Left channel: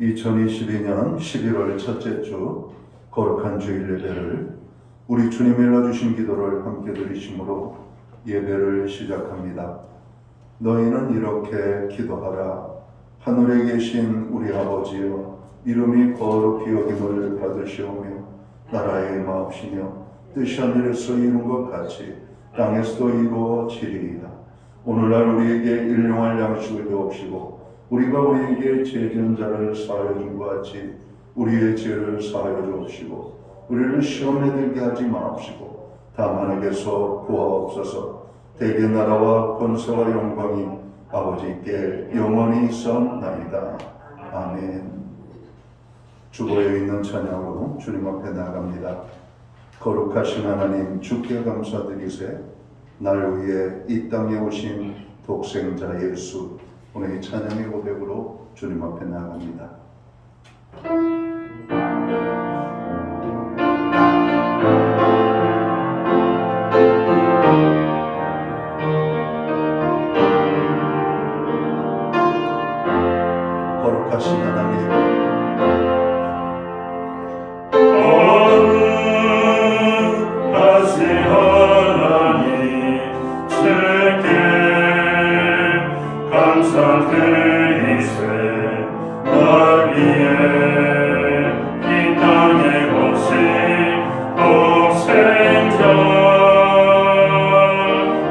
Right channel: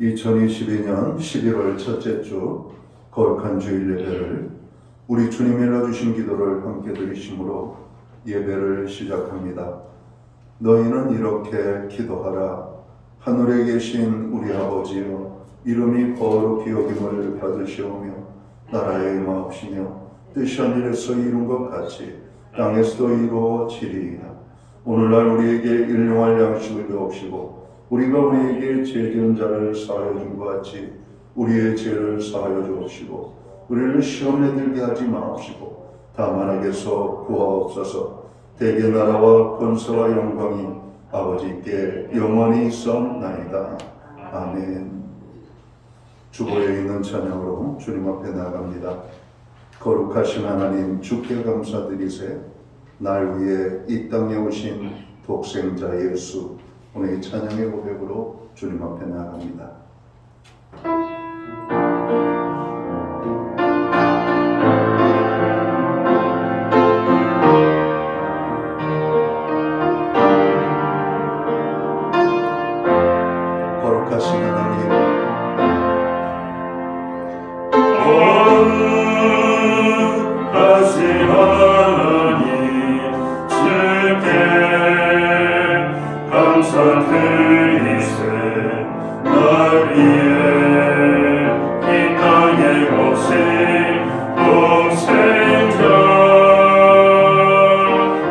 2022년 11월 첫째 주 거룩한 주일 예배를 우리 주님이 일러주신 기도를 함께 드리심으로 예배를 시작합니다. 너희는 이렇게 기도하라. 하늘에 계신 우리 아버지여, 이름이 거룩히 여김을 받으시오며 나라의 임하옵시며 뜻이 하늘에서 이룬 것 같이 땅에서도 이루어지리이다. 오늘날 우리에게 일용할 양식을 주옵시고 우리가 우리에게 죄 지은 자를 사하여 준 것 같이 우리의 죄를 사하여 주옵시고 우리를 시험에 들게 하지 마옵시고 다만 악에서 구하옵소서. 대개 나라와 권세와 영광이 아버지께 영원히 있사옵나이다. 아멘. 주보에 있는 찬양으로 주님 앞에 나갑니다. 거룩하신 하나님, 주께 감사드리세. 날 위해 이 땅에 오신 독생자 예수, 오늘 이 찬양의 고백으로 주님 앞에 나갑니다. 거룩하신 하나님, 거룩하신 하나님, 주께 감사드리세. 날 위해 이 땅에 오신 독생자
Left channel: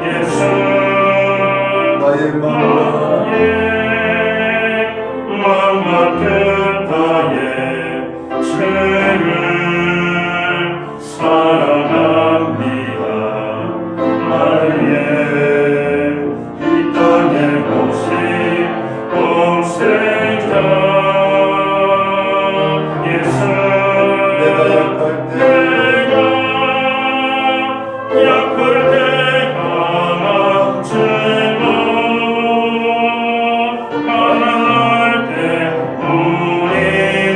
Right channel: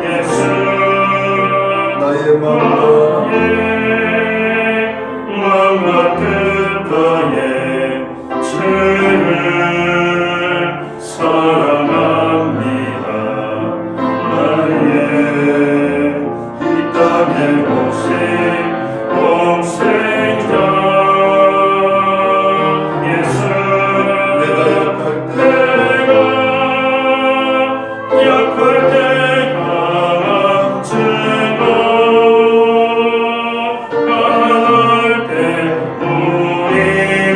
예수, 나의 마음과 뜻하에 주를 사랑합니다. 날 위해 이 땅에 오신 독생자 예수, 내가 약할 때 강함주고 강할 때 우리를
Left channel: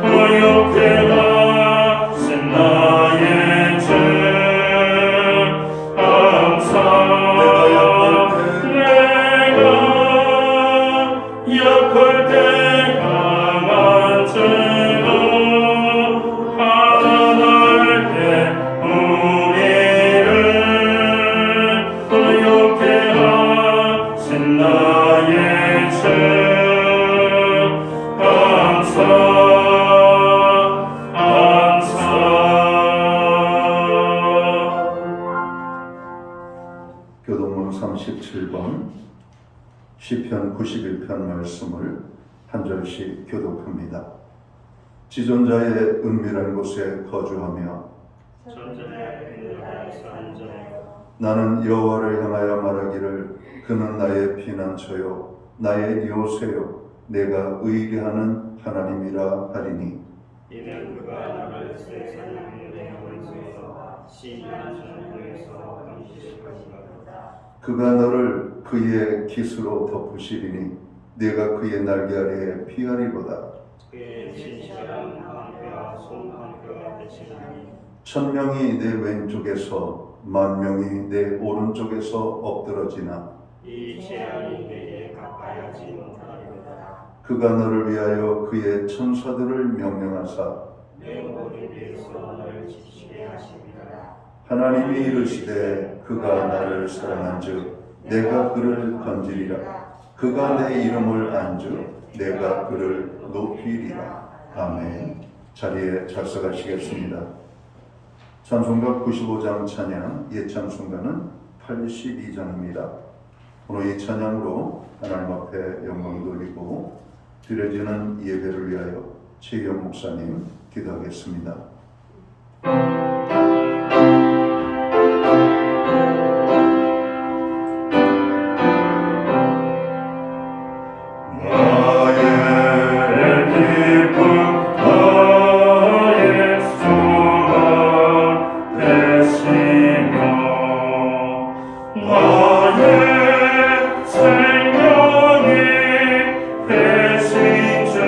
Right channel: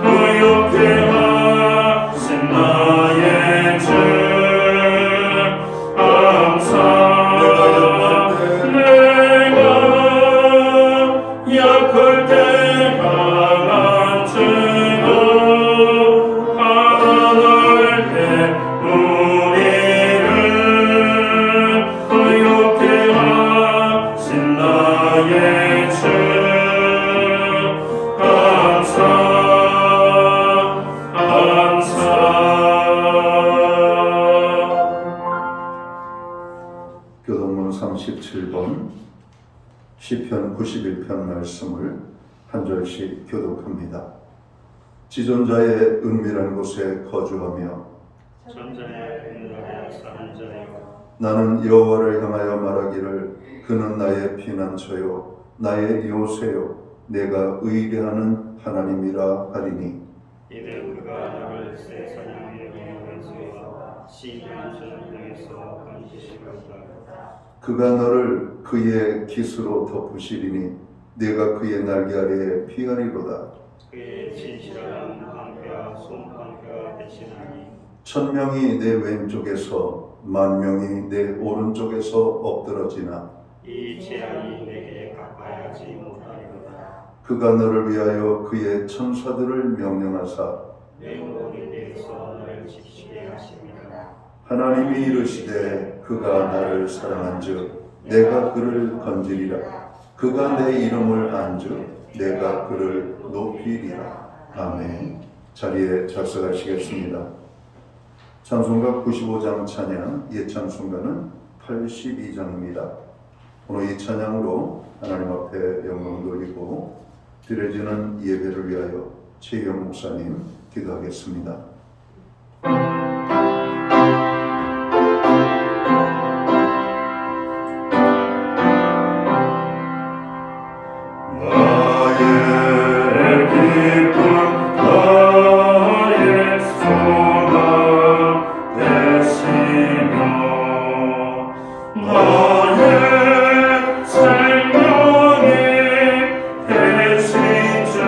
구욕해 하신 나의 주 감사. 내가 약할 때 강한 주고 강할 때 우리를 구욕해 하신 나의 주 감사. 교동문 37번 시편 91편 말씀을 한 절씩 교독합니다. 지존자의 은밀한 곳에 거주하며 전전에 인도하여 사는 자여, 나는 여호와를 향하여 말하기를 그는 나의 피난처요 나의 요새요 내가 의뢰하는 하나님이라 하리니 이는 그가 나를 새 사냥의 영역에서 시인한 저녁에서 감지시켰다. 그가 너를 그의 깃으로 덮으시리니 내가 그의 날개 아래에 피하리로다. 그의 진실한 방패와 손방패와 대치나니 천명이 내 왼쪽에서 만명이 내 오른쪽에서 엎드러지나 이 재앙이 내게 가까이하지 못하리로다. 그가 너를 위하여 그의 천사들을 명령하사 내 모든 일에서 너를 지키게 하심이라. 하나님이 이르시되 그가 나를 사랑한즉 내가 그를 건지리라. 그가 내 이름을 안즉 내가 그를 높이리라. 아멘. 자리에 작석하시겠습니다. 찬송가 95장 찬양, 예찬송가는 82장입니다. 오늘 이 찬양으로 하나님 앞에 영광 돌리고 드려지는 예배를 위하여 최경 목사님 기도하겠습니다. 생명의 대신 주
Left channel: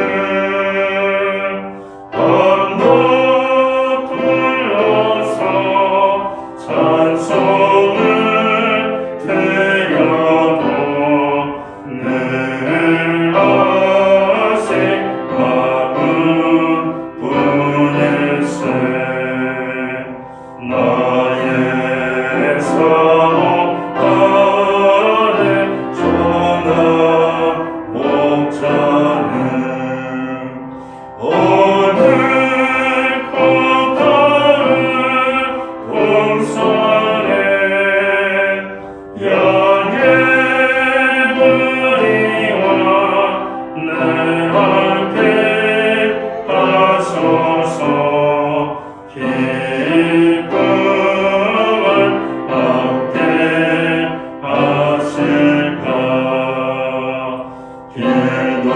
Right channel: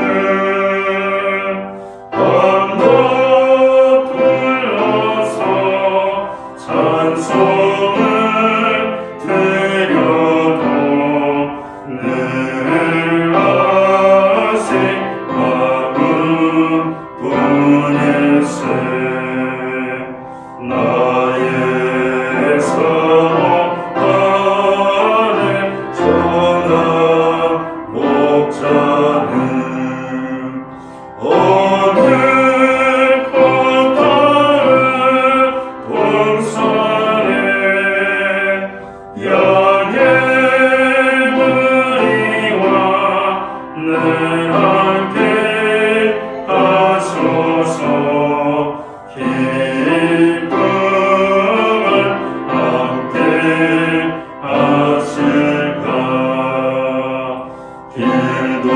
길도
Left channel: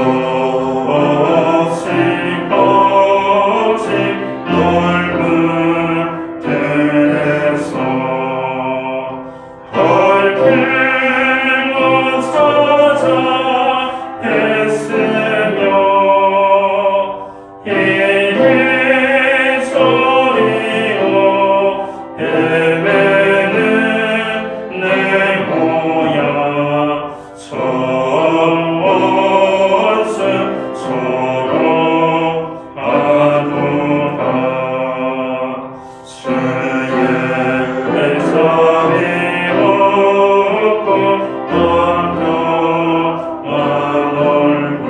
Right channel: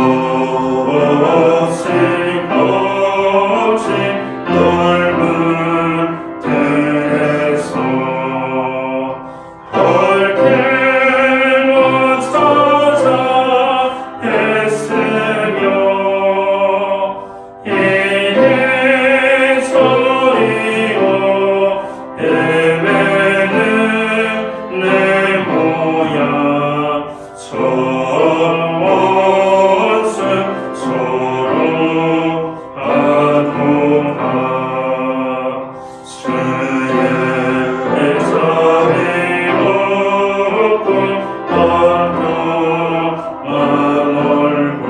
없이 거친 넓은 들에서 밝게만 찾아 애쓰며 이리저리로 헤매는 내 모양 저 원수처럼 하도다. 주의 사비 없고 아련한 얼굴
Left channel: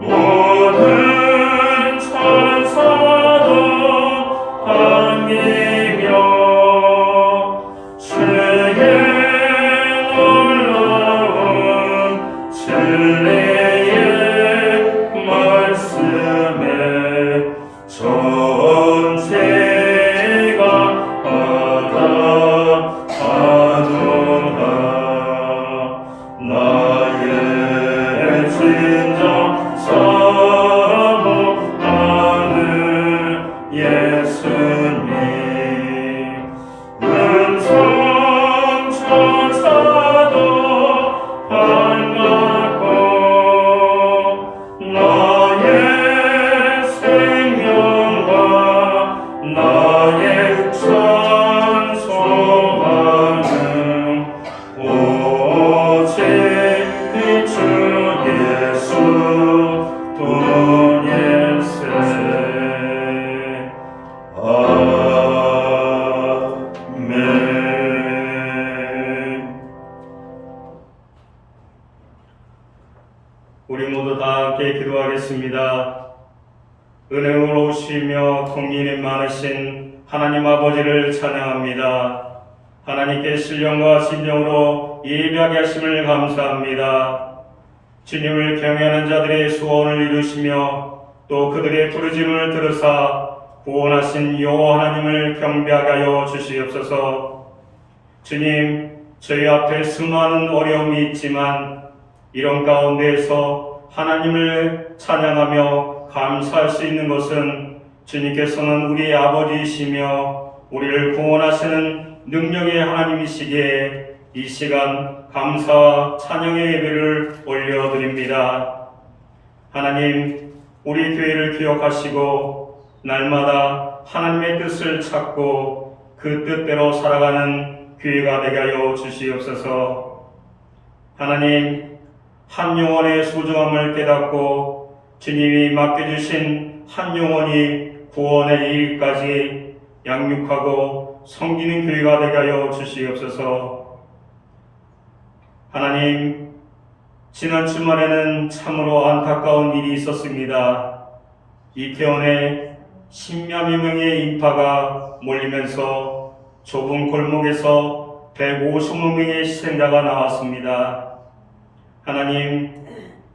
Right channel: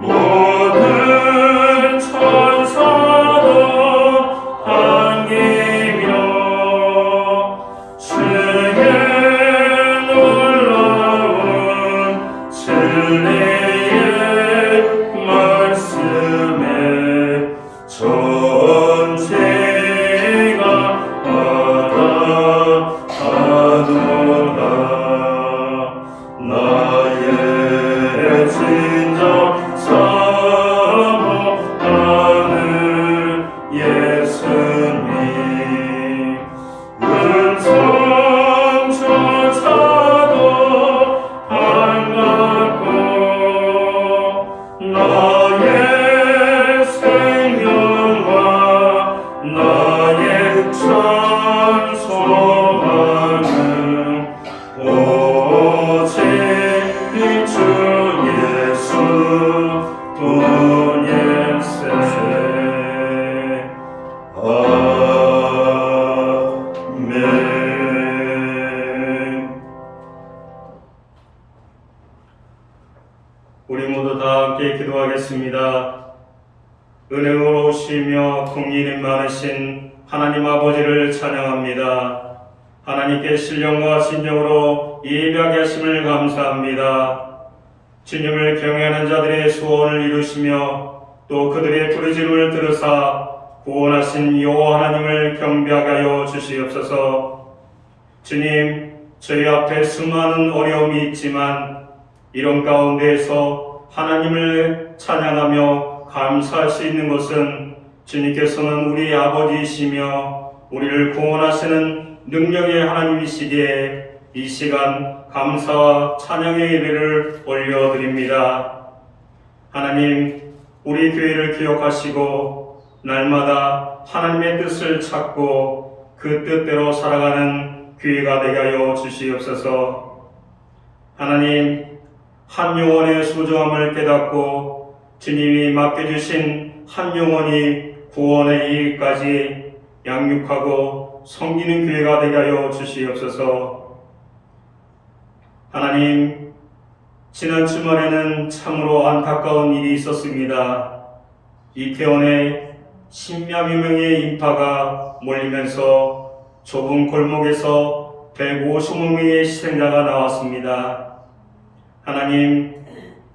모든 천사도 반기며 주의 놀라운 진리의 말씀에 전체가 받아하도다. 나의 진정 사모하는 예수님 음성조차도 반갑고 나의 생명과 나의 찬송하는 오직 주 예수 뿐일세. 아멘. 우리 모두 다 함께 기도하겠습니다. 은혜로우시며 긍휼이 많으신 하나님 아버지를 찬양합니다. 하나님께 신령과 진정으로 예배하게 하심을 감사합니다. 주님을 경외하는 자들의 소원을 이루시며 또 그들의 부르짖음을 들으사 구원하신 여호와 하나님을 경배하게 하여 주시옵소서. 주님, 저희 앞에 수많은 어려움이 있지만 이런 가운데에서 하나님을 찬양하며 감사할 수 있는 것은 주님께서는 우리의 아버지이시며 우리를 구원하시는 능력의 하나님이시기에 이 시간 감사와 찬양의 예배를 올려드립니다. 하나님, 우리 교회를 기억하시고 날마다 하나님의 뜻을 찾고 그 뜻대로 살아가는 교회가 되게 하여 주시옵소서. 하나님, 한 영혼의 소중함을 깨닫고 주님이 맡겨주신 한 영혼이 구원에 이르기까지 양육하고 섬기는 교회가 되게 하여 주시옵소서. 하나님, 지난 주말에는 참으로 안타까운 일이 있었습니다. 이태원에 십몇 명의 인파가 몰리면서 좁은 골목에서 150명의 희생자가 나왔습니다. 하나님,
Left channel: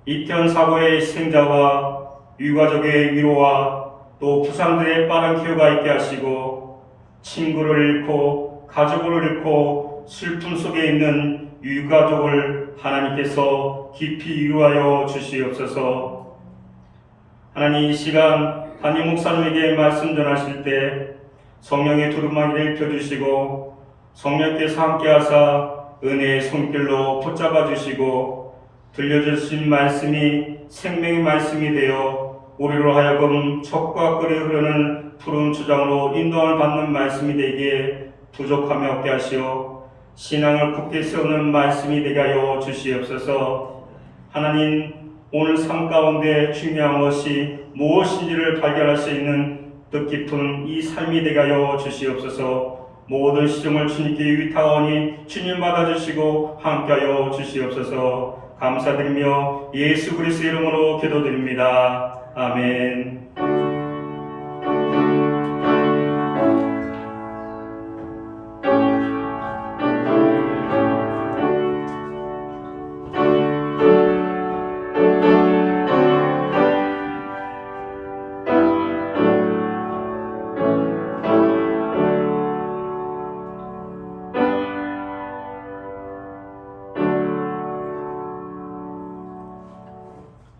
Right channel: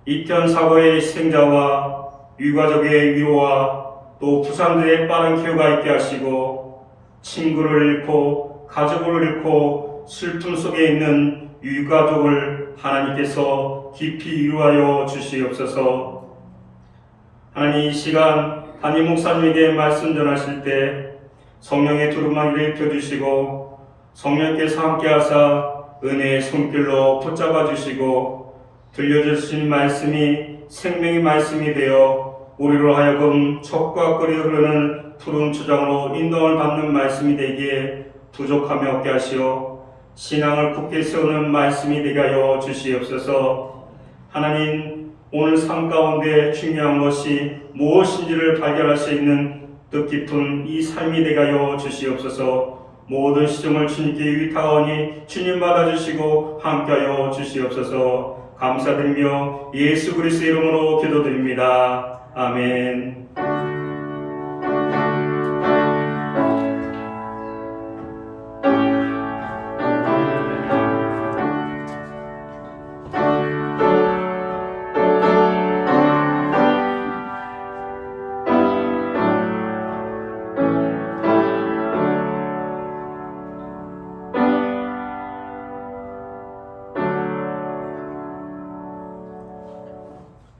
이태원 사고의 희생자와 유가족의 위로와 또 부상들의 빠른 쾌유가 있게 하시고 친구를 잃고 가족을 잃고 슬픔 속에 있는 유가족을 하나님께서 깊이 위로하여 주시옵소서. 하나님, 이 시간 담임 목사님에게 말씀 전하실 때 성령의 두루마기를 펴주시고 성령께서 함께하사 은혜의 손길로 붙잡아 주시고 들려주신 말씀이 생명의 말씀이 되어 우리로 하여금 젖과 끓여 흐르는 푸른 주장으로 인도를 받는 말씀이 되기에 부족함이 없게 하시어 신앙을 굳게 세우는 말씀이 되게 하여 주시옵소서. 하나님, 오늘 삶 가운데 중요한 것이 무엇인지를 발견할 수 있는 뜻깊은 이 삶이 되게 하여 주시옵소서. 모든 시종을 주님께 위탁하오니 주님 받아주시고 함께하여 주시옵소서. 감사드리며 예수 그리스도의 이름으로 기도드립니다. 아멘.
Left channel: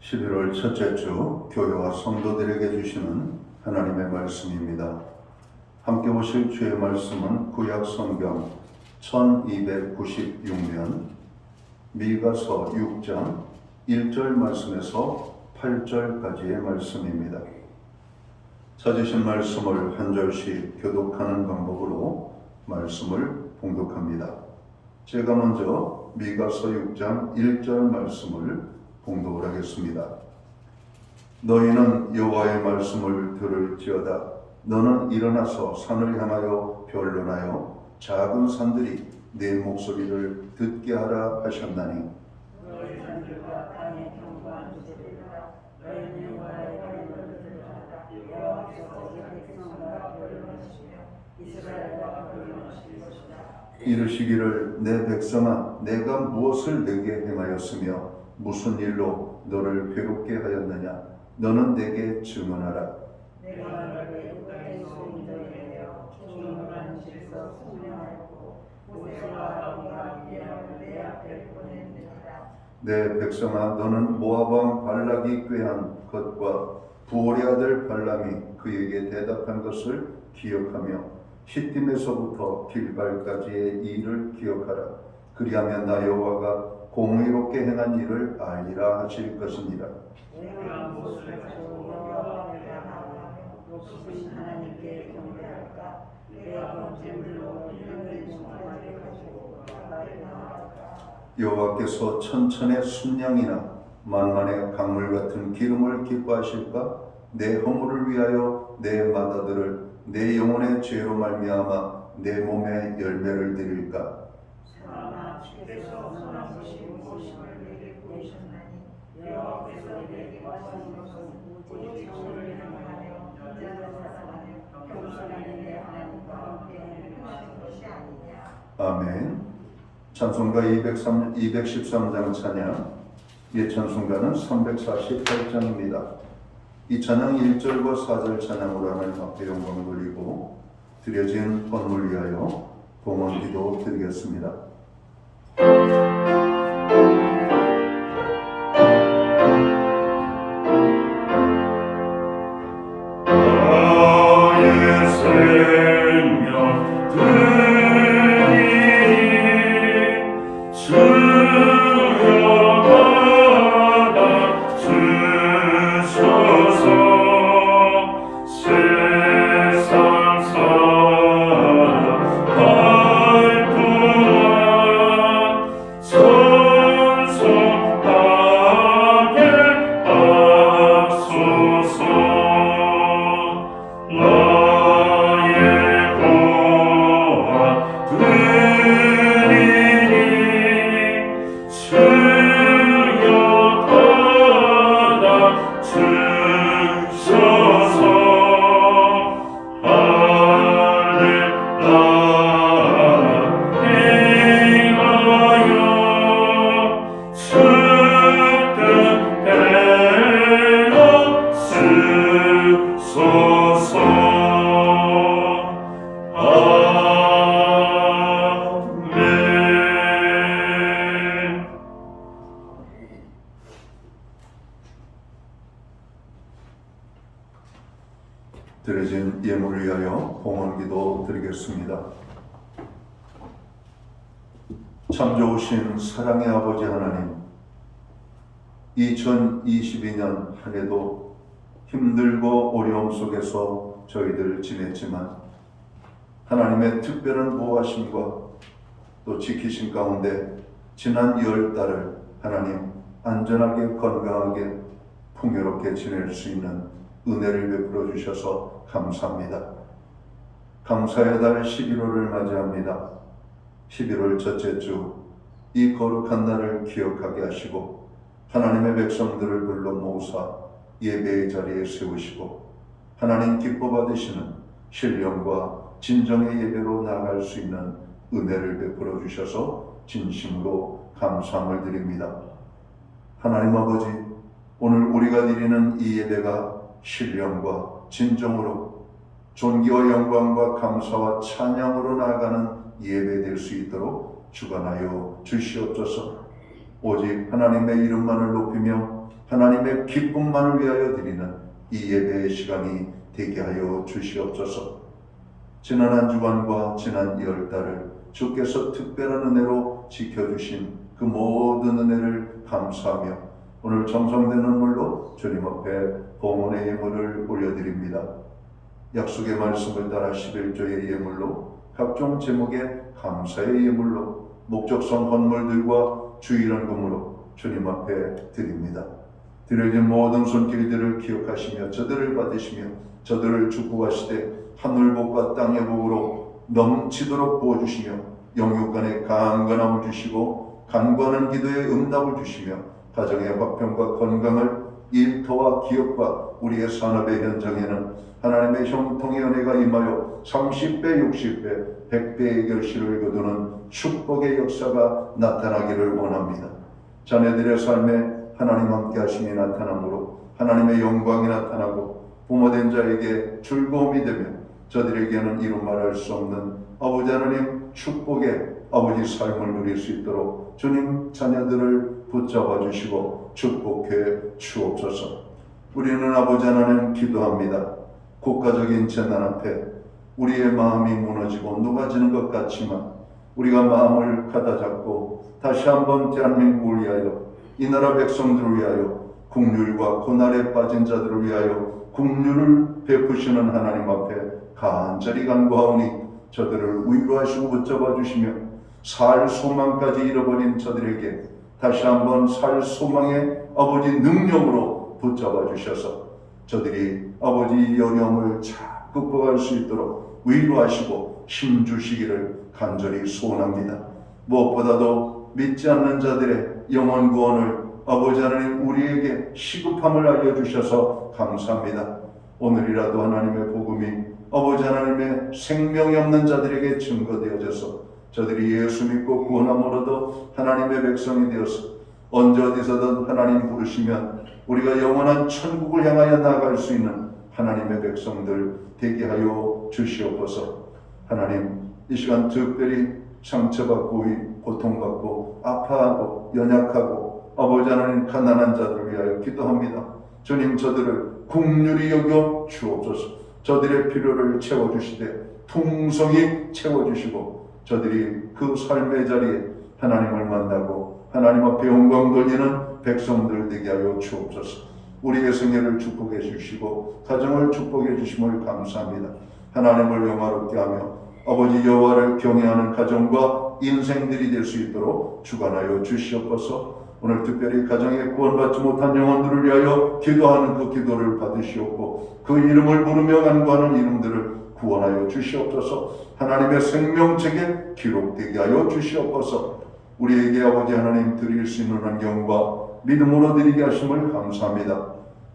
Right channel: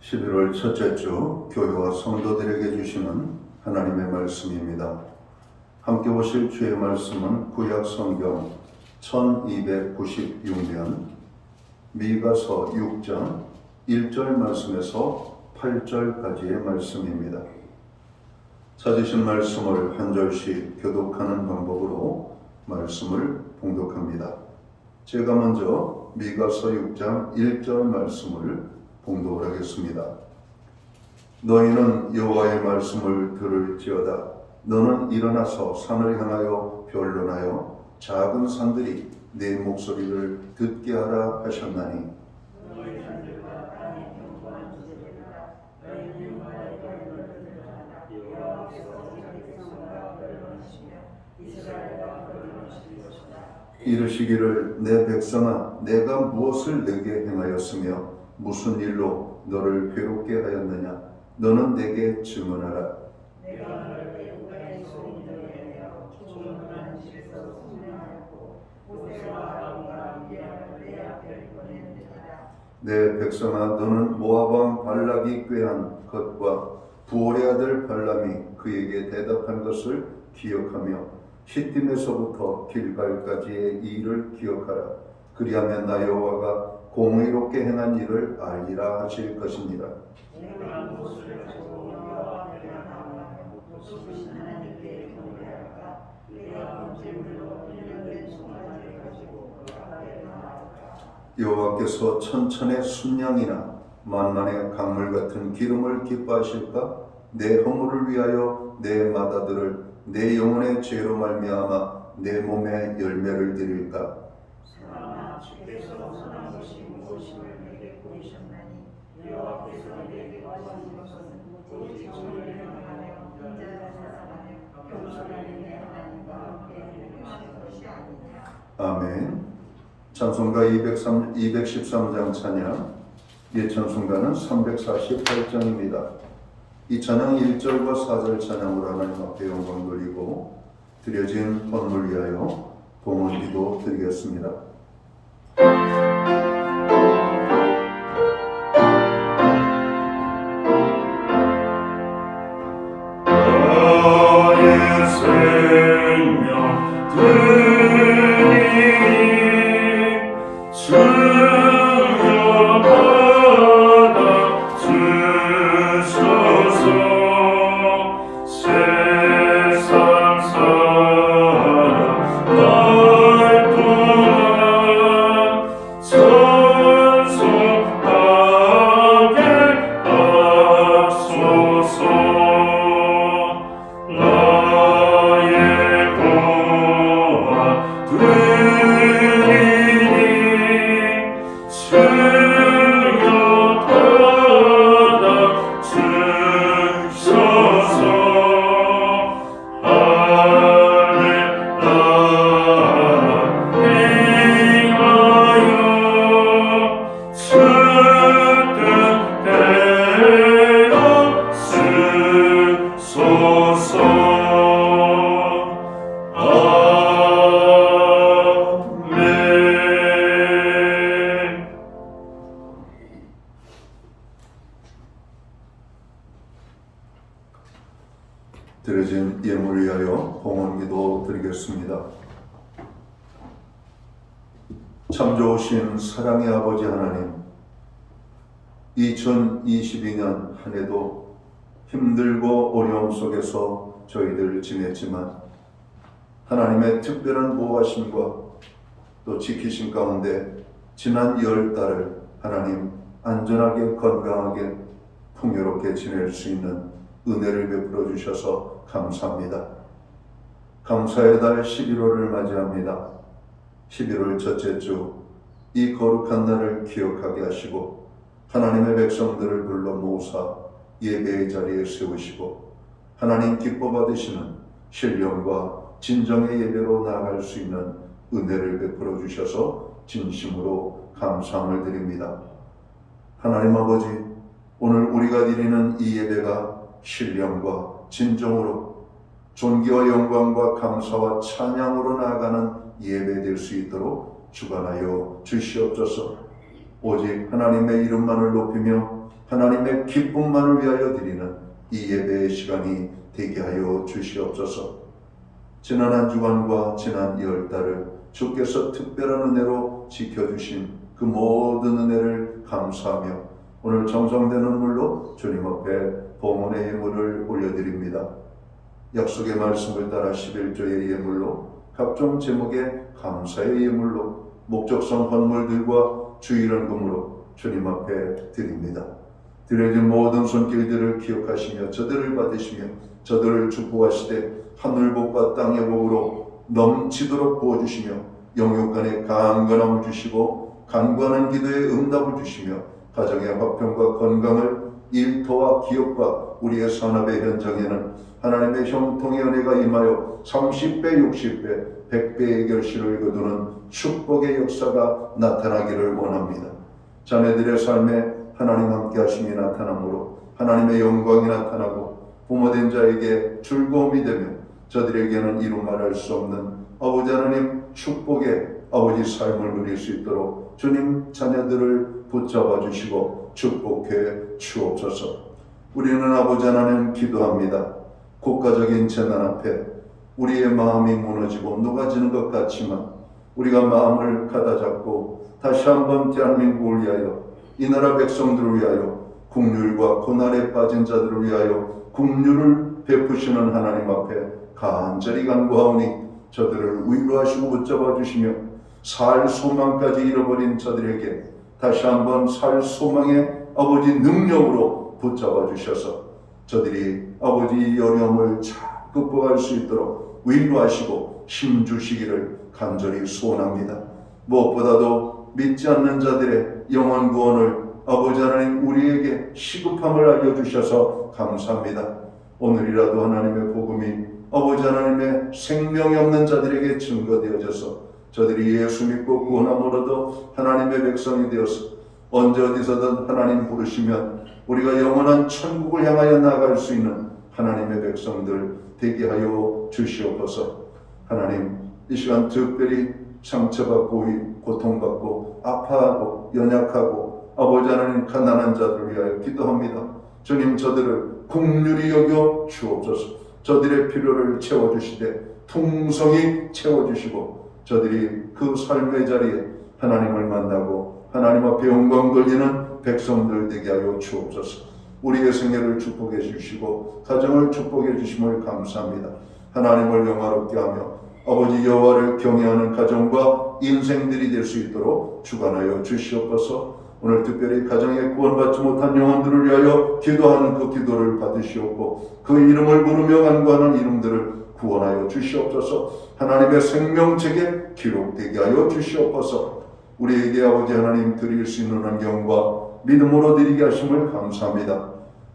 11월 첫째 주 교회와 성도들에게 주시는 하나님의 말씀입니다. 함께 보실 주의 말씀은 구약 성경 1296면 미가서 6장 1절 말씀에서 8절까지의 말씀입니다. 찾으신 말씀을 한 절씩 교독하는 방법으로 말씀을 봉독합니다. 제가 먼저 미가서 6장 1절 말씀을 봉독을 하겠습니다. 너희는 여호와의 말씀을 들을지어다. 너는 일어나서 산을 향하여 변론하여 작은 산들이 내 목소리를 듣게 하라 하셨나니 이르시기를 내 백성아 내가 무엇을 내게 행하였으며 무슨 일로 너를 괴롭게 하였느냐 너는 내게 증언하라. 내가 너를 애굽의 소인들에 내어 종로한 집에서 성령하였고 모세와 아론과 미리암을 내 앞에 보냈느니라. 내 백성아 너는 모압 왕 발락이 꾀한 것과 부올의 아들 발람이 그에게 대답한 것을 기억하며 시딤에서부터 길갈까지의 일을 기억하라. 그리하면 나 여호와가 공의롭게 행한 일을 알리라 하실 것이니라. 내가 무엇을 가지고 여호와 앞에 나아가며 높으신 하나님께 경배할까? 내가 번제물로 일용된 송아지를 가지고 그 앞에 나아갈까? 여호와께서 천천의 순양이나 만만의 강물 같은 기름을 기뻐하실까? 내 허물을 위하여 내 마다들을 내 영혼의 죄로 말미암아 내 몸에 열매를 드릴까? 사랑아 주께서 선한 것이 무엇임을 내게 보이셨나니 여호와께서 내게 구하신 것은 오직 정의를 행하며 인자를 사랑하며 겸손한 내 하나님과 함께 행하신 것이 아니냐. 아멘. 찬송가 213장 찬양, 예찬송가는 348장입니다. 이 찬양 1절과 4절 찬양으로 하나님 앞에 영광 돌리고 드려진 헌물 위하여 봉헌기도 드리겠습니다. 나의 생명 드리니 주여 받아 주소서. 세상 사람 날구나 찬송하게 하소서. 나의 보아 드리니 주여 받아 주소서. 할렐루야 행하여 주 뜻대로 쓰소서. 아멘. 드려진 예물 위하여 봉헌기도 드리겠습니다. 참 좋으신 사랑의 아버지 하나님, 2022년 한 해도 힘들고 어려움 속에서 저희들 지냈지만 하나님의 특별한 보호하심과 또 지키신 가운데 지난 10달을 하나님 안전하게 건강하게 풍요롭게 지낼 수 있는 은혜를 베풀어 주셔서 감사합니다. 감사의 달 11월을 맞이합니다. 11월 첫째 주 이 거룩한 날을 기억하게 하시고 하나님의 백성들을 불러 모으사 예배의 자리에 세우시고 하나님 기뻐 받으시는 신령과 진정의 예배로 나아갈 수 있는 은혜를 베풀어 주셔서 진심으로 감사함을 드립니다. 하나님 아버지, 오늘 우리가 드리는 이 예배가 신령과 진정으로 존귀와 영광과 감사와 찬양으로 나아가는 예배 될 수 있도록 주관하여 주시옵소서. 오직 하나님의 이름만을 높이며 하나님의 기쁨만을 위하여 드리는 이 예배의 시간이 되게 하여 주시옵소서. 지난 한 주간과 지난 2월달을 주께서 특별한 은혜로 지켜주신 그 모든 은혜를 감사하며 오늘 정성된 눈물로 주님 앞에 봉헌의 예물을 올려드립니다. 약속의 말씀을 따라 11조의 예물로, 각종 제목의 감사의 예물로, 목적성 헌물들과 주일헌금으로 주님 앞에 드립니다. 드려진 모든 손길들을 기억하시며 저들을 받으시며 저들을 축복하시되 하늘복과 땅의 복으로 넘치도록 부어주시며 영육간에 강건함을 주시고 간구하는 기도에 응답을 주시며 가정의 화평과 건강을, 일터와 기업과 우리의 산업의 현장에는 하나님의 형통의 은혜가 임하여 30배, 60배, 100배의 결실을 거두는 축복의 역사가 나타나기를 원합니다. 자녀들의 삶에 하나님 함께 하심이 나타나므로 하나님의 영광이 나타나고 부모된 자에게 즐거움이 되며 저들에게는 이루 말할 수 없는 아버지 하나님 축복의 아버지 삶을 누릴 수 있도록 주님 자녀들을 붙잡아 주시고 축복해 주옵소서. 우리는 아버지 하나님 기도합니다. 국가적인 재난 앞에 우리의 마음이 무너지고 녹아지는 것 같지만 우리가 마음을 가다잡고 다시 한번 대한민국을 위하여, 이 나라 백성들을 위하여, 국률과 고난에 빠진 자들을 위하여 국률을 베푸시는 하나님 앞에 간절히 간구하오니 저들을 위로하시고 붙잡아 주시며 살 소망까지 잃어버린 저들에게 다시 한번 살 소망의 아버지 능력으로 붙잡아 주셔서 저들이 아버지 어려움을 잘 극복할 수 있도록 위로하시고 힘주시기를 간절히 소원합니다. 무엇보다도 믿지 않는 자들의 영원 구원을 아버지 하나님 우리에게 시급함을 알려주셔서 감사합니다. 오늘이라도 하나님의 복음이 아버지 하나님의 생명이 없는 자들에게 증거되어져서 저들이 예수 믿고 구원함으로도 하나님의 백성이 되어서 언제 어디서든 하나님 부르시면 우리가 영원한 천국을 향하여 나아갈 수 있는 하나님의 백성들 되게 하여 주시옵소서. 하나님, 이 시간 특별히 상처받고 고통받고 아파하고 연약하고 아버지 하나님 가난한 자들을 위하여 기도합니다. 주님, 저들을 긍휼히 여겨 주옵소서. 저들의 필요를 채워주시되 풍성히 채워주시고 저들이 그 삶의 자리에 하나님을 만나고 하나님 앞에 영광 돌리는 백성들 되게 하여 주옵소서. 우리의 생애를 축복해 주시고 가정을 축복해 주심을 감사합니다. 하나님을 영화롭게 하며 아버지 여호와를 경외하는 가정과 인생들이 될 수 있도록 주관하여 주시옵소서. 오늘 특별히 가정에 구원받지 못한 영혼들을 위하여 기도하는 그 기도를 받으시옵고 그 이름을 부르며 간구하는 이름들을 구원하여 주시옵소서. 하나님의 생명책에 기록되게 하여 주시옵소서. 우리에게 아버지 하나님 드릴 수 있는 환경과 믿음으로 드리게 하심을 감사합니다.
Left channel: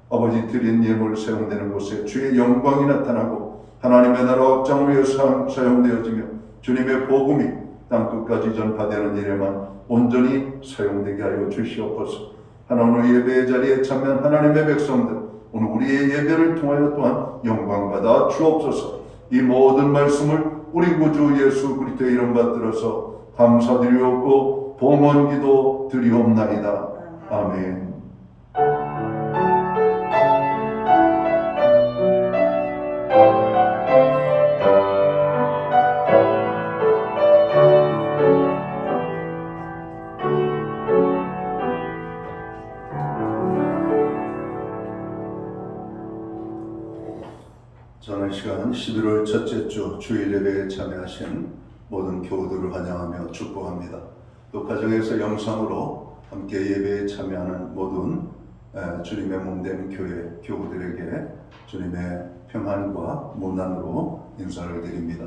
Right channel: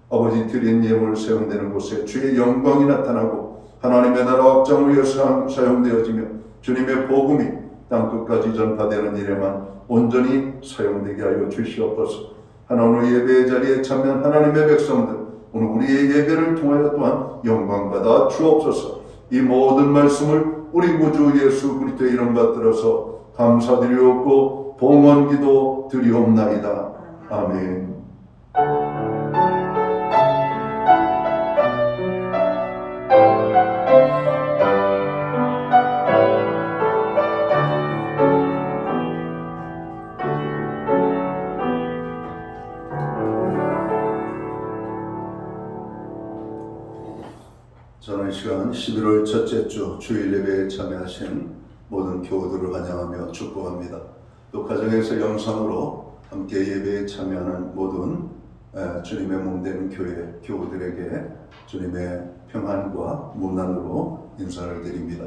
아버지 드린 예물 사용되는 곳에 주의 영광이 나타나고 하나님의 나라 확장을 위해 사용되어지며 주님의 복음이 땅끝까지 전파되는 일에만 온전히 사용되게 하여 주시옵소서. 하나님 예배의 자리에 참여한 하나님의 백성들, 오늘 우리의 예배를 통하여 또한 영광받아 주옵소서. 이 모든 말씀을 우리 구주 예수 그리스도의 이름 받들어서 감사드리옵고 봉헌기도 드리옵나이다. 아멘. 저는 시간 11월 첫째 주 주일 예배에 참여하신 모든 교우들을 환영하며 축복합니다. 또 가정에서 영상으로 함께 예배에 참여하는 모든 주님의 몸된 교회 교우들에게 주님의 평안과 문안으로 인사를 드립니다.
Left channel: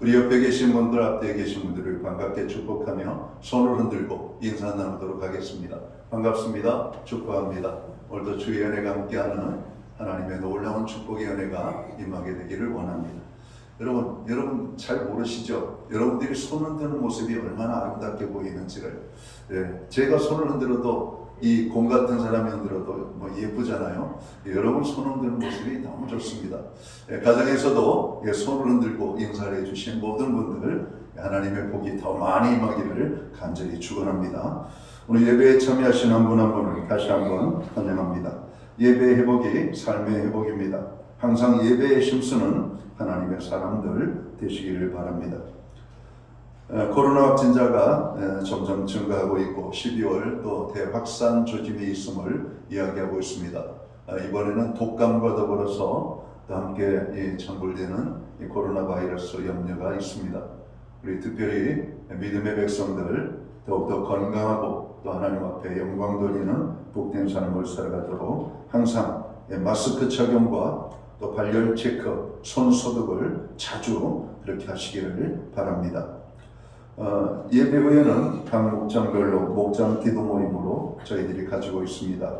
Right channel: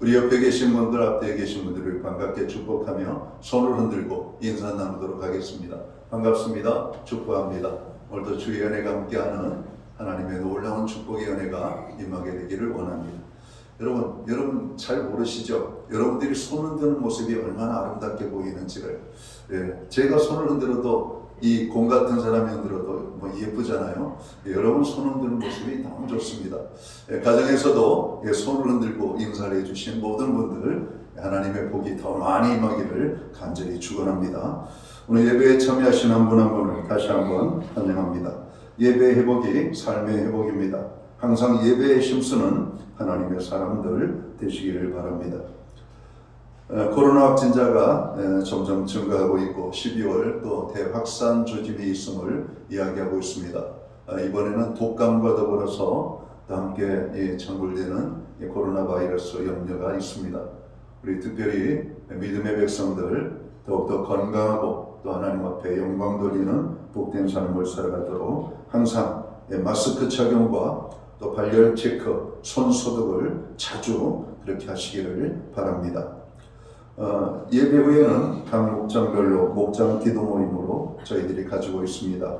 우리 옆에 계신 분들, 앞에 계신 분들을 반갑게 축복하며 손을 흔들고 인사 나누도록 하겠습니다. 반갑습니다. 축복합니다. 오늘도 주의 은혜가 함께하는 하나님의 놀라운 축복의 은혜가 임하게 되기를 원합니다. 여러분 잘 모르시죠? 여러분들이 손 흔드는 모습이 얼마나 아름답게 보이는지를. 제가 손을 흔들어도 이 공 같은 사람이 흔들어도 뭐 예쁘잖아요. 여러분 손 흔드는 모습이 너무 좋습니다. 가정에서도 손을 흔들고 인사를 해주신 모든 분들 하나님의 복이 더 많이 임하기를 간절히 축원합니다. 오늘 예배에 참여하신 한 분 한 분을 다시 한번 환영합니다. 예배 회복이 삶의 회복입니다. 항상 예배에 힘쓰는 하나님의 사람들 되시기를 바랍니다. 코로나 확진자가 점점 증가하고 있고 12월 또 대확산 조짐이 있음을 이야기하고 있습니다. 이번에는 독감과 더불어서 또 함께 창굴되는 코로나 바이러스 염려가 있습니다. 우리 특별히 믿음의 백성들 더욱더 건강하고 또 하나님 앞에 영광 돌리는 복된 삶을 살아가도록 항상 마스크 착용과 또 발열 체크, 손 소독을 자주 그렇게 하시기를 바랍니다. 예배 후에는 각 목장별로 목장 기도 모임으로 저희들이 가지고 있습니다.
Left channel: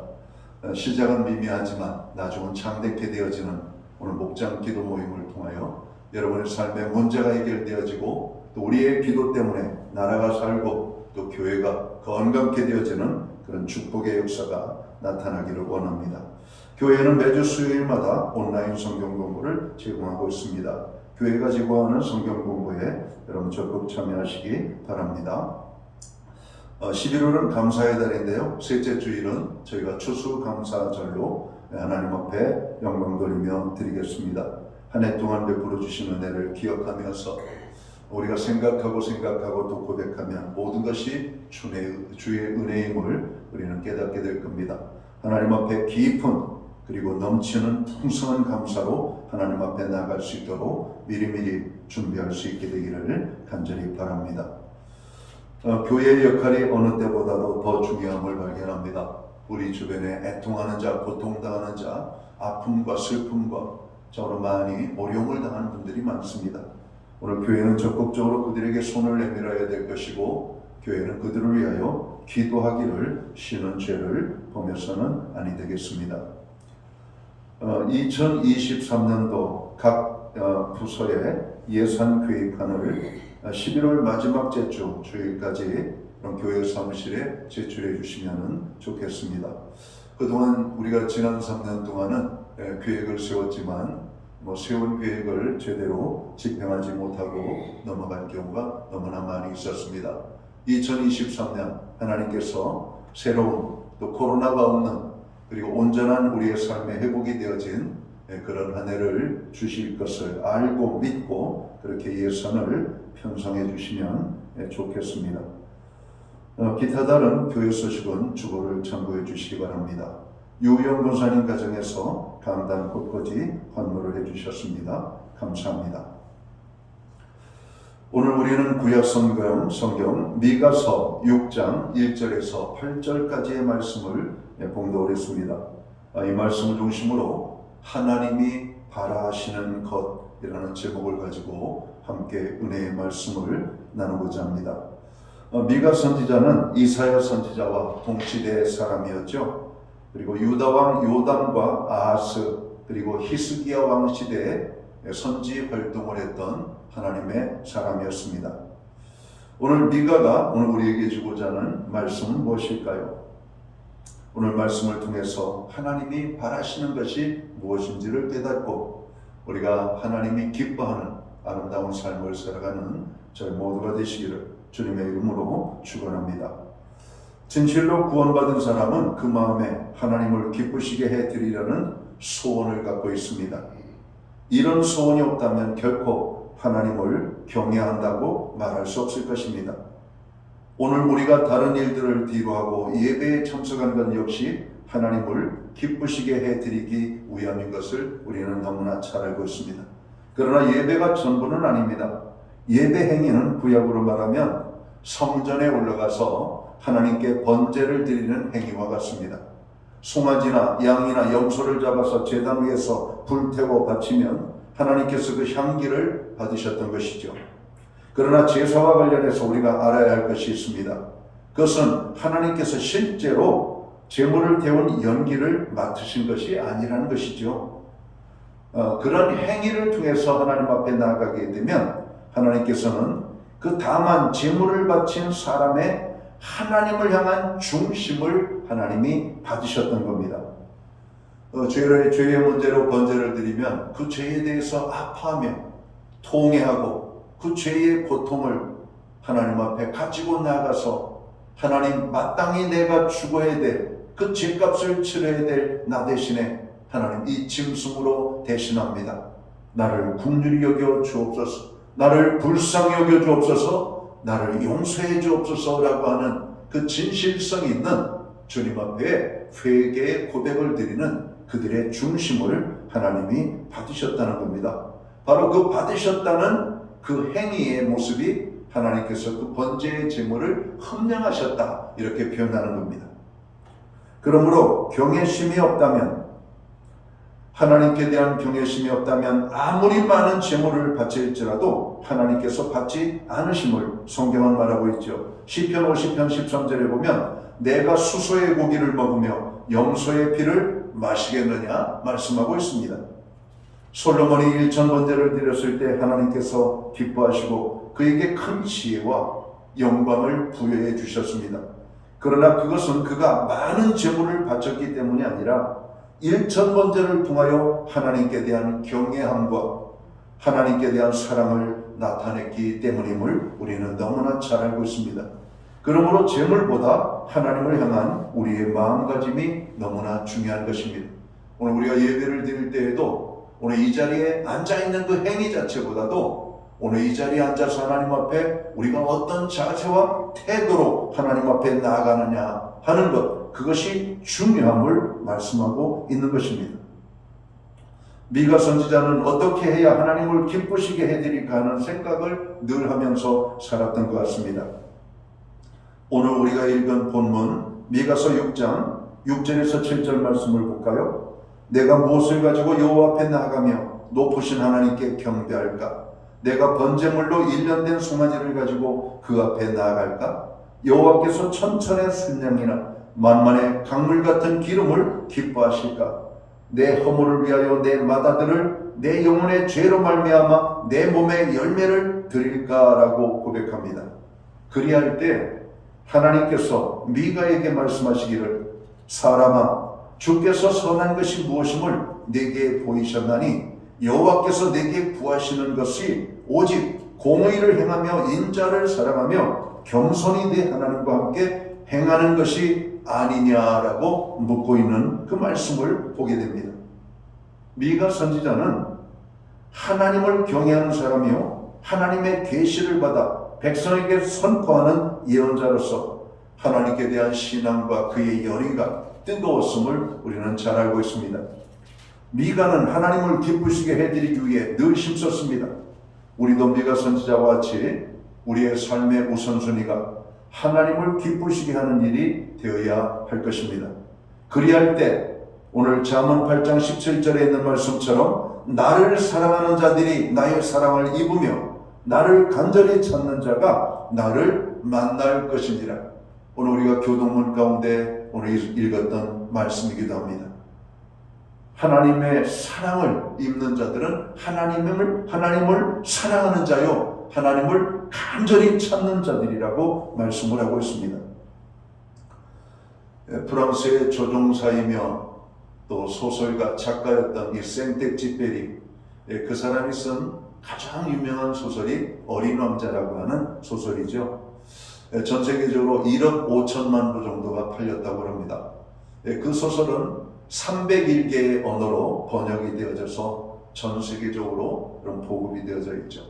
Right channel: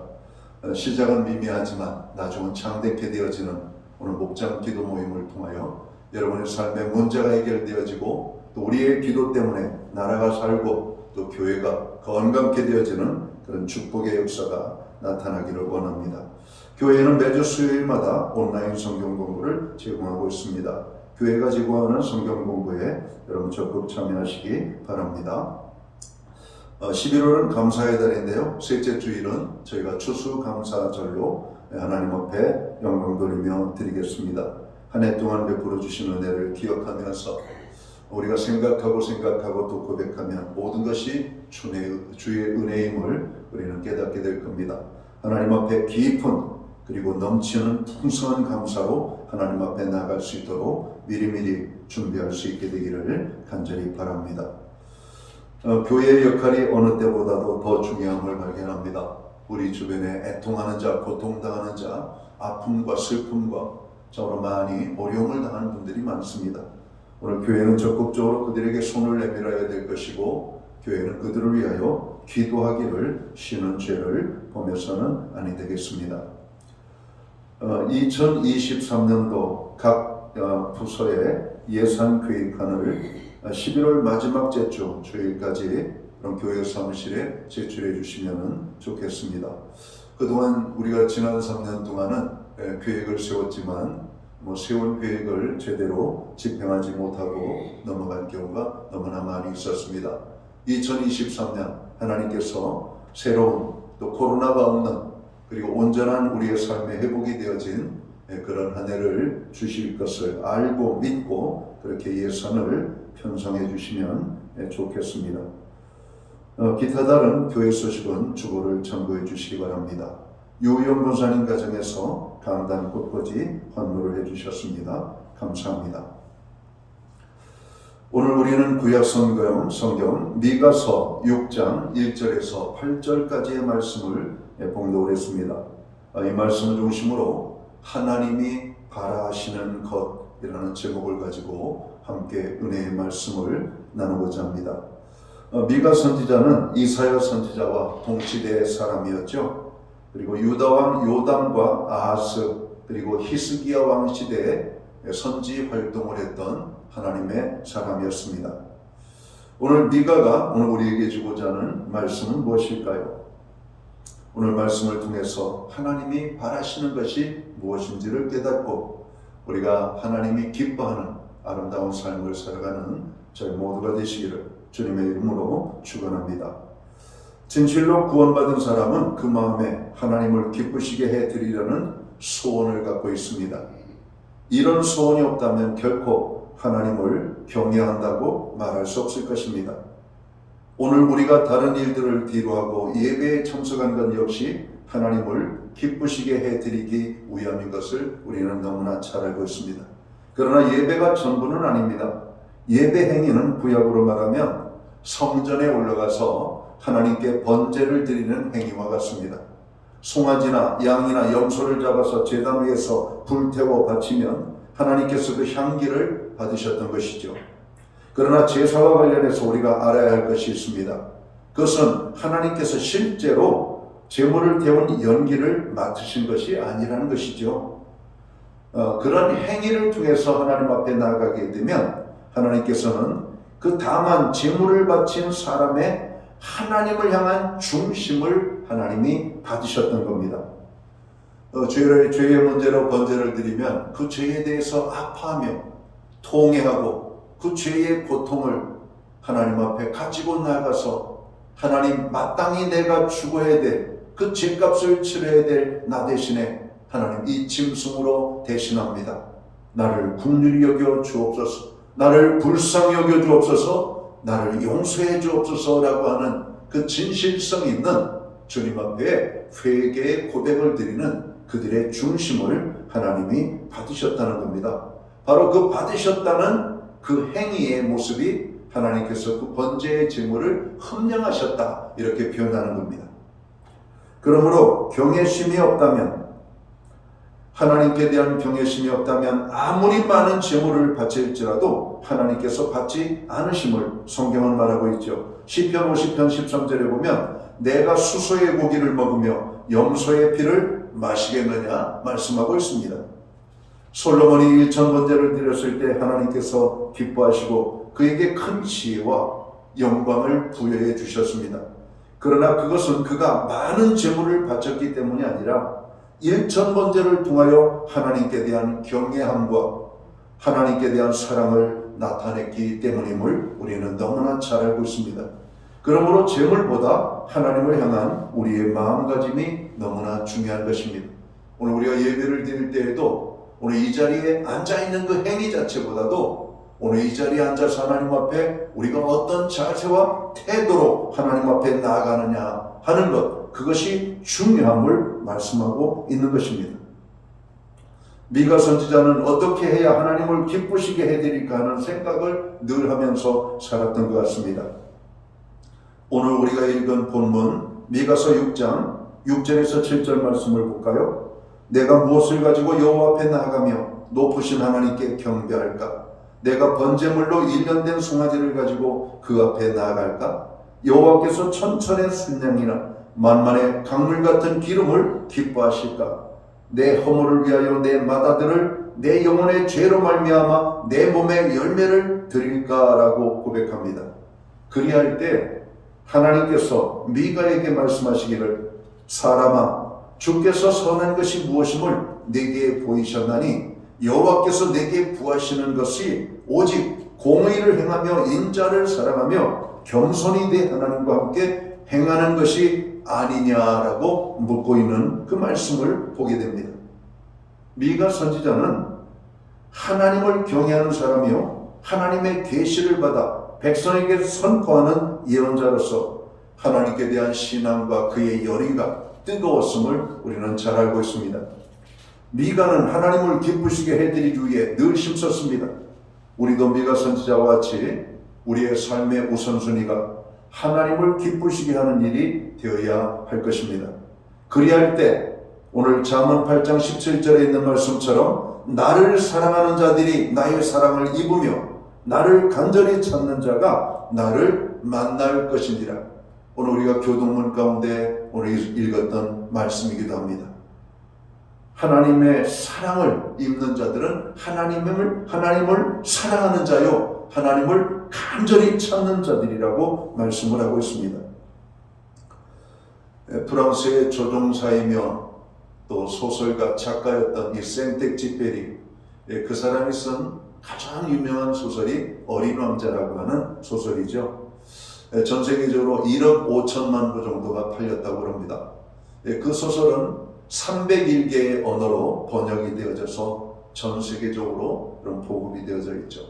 시작은 미미하지만 나중은 창대케 되어지는 오늘 목장 기도 모임을 통하여 여러분의 삶의 문제가 해결되어지고 또 우리의 기도 때문에 나라가 살고 또 교회가 건강케 되어지는 그런 축복의 역사가 나타나기를 원합니다. 교회는 매주 수요일마다 온라인 성경 공부를 제공하고 있습니다. 교회가 제공하는 성경 공부에 여러분 적극 참여하시기 바랍니다. 11월은 감사의 달인데요. 셋째 주일은 저희가 추수감사절로 하나님 앞에 영광 돌리며 드리겠습니다. 한 해 동안 베풀어 주신 은혜를 기억하면서 우리가 생각하고 또 고백하면 모든 것이 주의 은혜임을 우리는 깨닫게 될 겁니다. 하나님 앞에 깊은 그리고 넘치는 풍성한 감사로 하나님 앞에 나갈 수 있도록 미리미리 준비할 수 있게 되기를 간절히 바랍니다. 교회의 역할이 어느 때보다도 더 중요함을 발견합니다. 우리 주변에 애통하는 자, 고통당하는 자, 아픔과 슬픔과 저로 많이 어려움을 당하는 분들이 많습니다. 오늘 교회는 적극적으로 그들에게 손을 내밀어야 될 것이고 교회는 그들을 위하여 기도하기를 쉬는 죄를 범해서는 아니 되겠습니다. 2023년도 각 부서의 예산 계획안을 11월 마지막 제주 주일까지 그런 교회 사무실에 제출해 주시면 좋겠습니다. 그동안 우리가 지난 3년 동안은 계획을 세웠지만 세운 계획을 제대로 집행하지 못하고 넘어간 경우가 너무나 많이 있었습니다. 2023년 하나님께서 새로운 또 코로나가 없는 그리고 온전한 우리의 삶의 회복이 되어진 그런 한 해를 주실 것을 알고 믿고 그렇게 예산을 편성해 주시면 좋겠습니다. 기타 다른 교회 소식은 주보를 참고해 주시기 바랍니다. 유영 권사님 가정에서 강단 곳곳이 환호를 해주셨습니다. 감사합니다. 오늘 우리는 구약 성경 미가서 6장 1절에서 8절까지의 말씀을 봉독을 했습니다. 이 말씀을 중심으로 하나님이 바라시는 것이라는 제목을 가지고 함께 은혜의 말씀을 나누고자 합니다. 미가 선지자는 이사야 선지자와 동시대의 사람이었죠. 그리고 유다 왕 요담과 아하스 그리고 히스기야 왕 시대에 선지 활동을 했던 하나님의 사람이었습니다. 오늘 미가가 오늘 우리에게 주고자 하는 말씀은 무엇일까요? 오늘 말씀을 통해서 하나님이 바라시는 것이 무엇인지를 깨닫고 우리가 하나님이 기뻐하는 아름다운 삶을 살아가는 저희 모두가 되시기를 주님의 이름으로 축원합니다. 진실로 구원받은 사람은 그 마음에 하나님을 기쁘시게 해드리려는 소원을 갖고 있습니다. 이런 소원이 없다면 결코 하나님을 경외한다고 말할 수 없을 것입니다. 오늘 우리가 다른 일들을 뒤로하고 예배에 참석한 것 역시 하나님을 기쁘시게 해드리기 위함인 것을 우리는 너무나 잘 알고 있습니다. 그러나 예배가 전부는 아닙니다. 예배 행위는 구약으로 말하면 성전에 올라가서 하나님께 번제를 드리는 행위와 같습니다. 송아지나 양이나 염소를 잡아서 제단 위에서 불태워 바치면 하나님께서 그 향기를 받으셨던 것이죠. 그러나 제사와 관련해서 우리가 알아야 할 것이 있습니다. 그것은 하나님께서 실제로 제물을 태운 연기를 맡으신 것이 아니라는 것이죠. 그런 행위를 통해서 하나님 앞에 나아가게 되면 하나님께서는 그 다만 제물을 바친 사람의 하나님을 향한 중심을 하나님이 받으셨던 겁니다. 죄의 문제로 번제를 드리면 그 죄에 대해서 아파하며 통회하고 그 죄의 고통을 하나님 앞에 가지고 나가서 하나님 마땅히 내가 죽어야 될 그 죄값을 치러야 될 나 대신에 하나님 이 짐승으로 대신합니다. 나를 긍휼히 여겨 주옵소서, 나를 불쌍히 여겨 주옵소서, 나를 용서해 주옵소서라고 하는 그 진실성 있는 주님 앞에 회개의 고백을 드리는 그들의 중심을 하나님이 받으셨다는 겁니다. 바로 그 받으셨다는 그 행위의 모습이 하나님께서 그 번제의 제물을 흠령하셨다 이렇게 표현하는 겁니다. 그러므로 경외심이 없다면, 하나님께 대한 경외심이 없다면 아무리 많은 제물을 바칠지라도 하나님께서 받지 않으심을 성경은 말하고 있죠. 시편 50편 13절에 보면 내가 수소의 고기를 먹으며 염소의 피를 마시겠느냐 말씀하고 있습니다. 솔로몬이 1000번제를 드렸을 때 하나님께서 기뻐하시고 그에게 큰 지혜와 영광을 부여해 주셨습니다. 그러나 그것은 그가 많은 제물을 바쳤기 때문이 아니라 1000번제를 통하여 하나님께 대한 경외함과 하나님께 대한 사랑을 나타냈기 때문임을 우리는 너무나 잘 알고 있습니다. 그러므로 제물보다 하나님을 향한 우리의 마음가짐이 너무나 중요한 것입니다. 오늘 우리가 예배를 드릴 때에도 오늘 이 자리에 앉아있는 그 행위 자체보다도 오늘 이 자리에 앉아서 하나님 앞에 우리가 어떤 자세와 태도로 하나님 앞에 나아가느냐 하는 것, 그것이 중요함을 말씀하고 있는 것입니다. 미가 선지자는 어떻게 해야 하나님을 기쁘시게 해드릴까 하는 생각을 늘 하면서 살았던 것 같습니다. 오늘 우리가 읽은 본문 미가서 6장 6절에서 7절 말씀을 볼까요? 내가 무엇을 가지고 여호와 앞에 나아가며 높으신 하나님께 경배할까? 내가 번제물로 1년 된 송아지를 가지고 그 앞에 나아갈까? 여호와께서 천천의 순양이나 만만의 강물 같은 기름을 기뻐하실까? 내 허물을 위하여 내 마다들을 내 영혼의 죄로 말미암아 내 몸에 열매를 드릴까라고 고백합니다. 그리할 때 하나님께서 미가에게 말씀하시기를 사람아 주께서 선한 것이 무엇임을 내게 보이셨나니 여호와께서 내게 구하시는 것이 오직 공의를 행하며 인자를 사랑하며 겸손히 내 하나님과 함께 행하는 것이 아니냐라고 묻고 있는 그 말씀을 보게 됩니다. 미가 선지자는 하나님을 경외하는 사람이요 하나님의 계시를 받아 백성에게 선포하는 예언자로서 하나님께 대한 신앙과 그의 열의가 뜨거웠음을 우리는 잘 알고 있습니다. 미가는 하나님을 기쁘시게 해드리기 위해 늘 힘썼습니다. 우리도 미가 선지자와 같이 우리의 삶의 우선순위가 하나님을 기쁘시게 하는 일이 되어야 할 것입니다. 그리할 때 오늘 잠언 8장 17절에 있는 말씀처럼 나를 사랑하는 자들이 나의 사랑을 입으며 나를 간절히 찾는 자가 나를 만날 것이니라. 오늘 우리가 교동문 가운데 오늘 읽었던 말씀이기도 합니다. 하나님의 사랑을 입는 자들은 하나님을 사랑하는 자요 하나님을 간절히 찾는 자들이라고 말씀을 하고 있습니다. 프랑스의 조종사이며 또 소설가 작가였던 이 생텍쥐페리, 그 사람이 쓴 가장 유명한 소설이 어린 왕자라고 하는 소설이죠. 전 세계적으로 1억 5천만 부 정도가 팔렸다고 합니다. 그 소설은 301개의 언어로 번역이 되어져서 전 세계적으로 그런 보급이 되어져 있죠.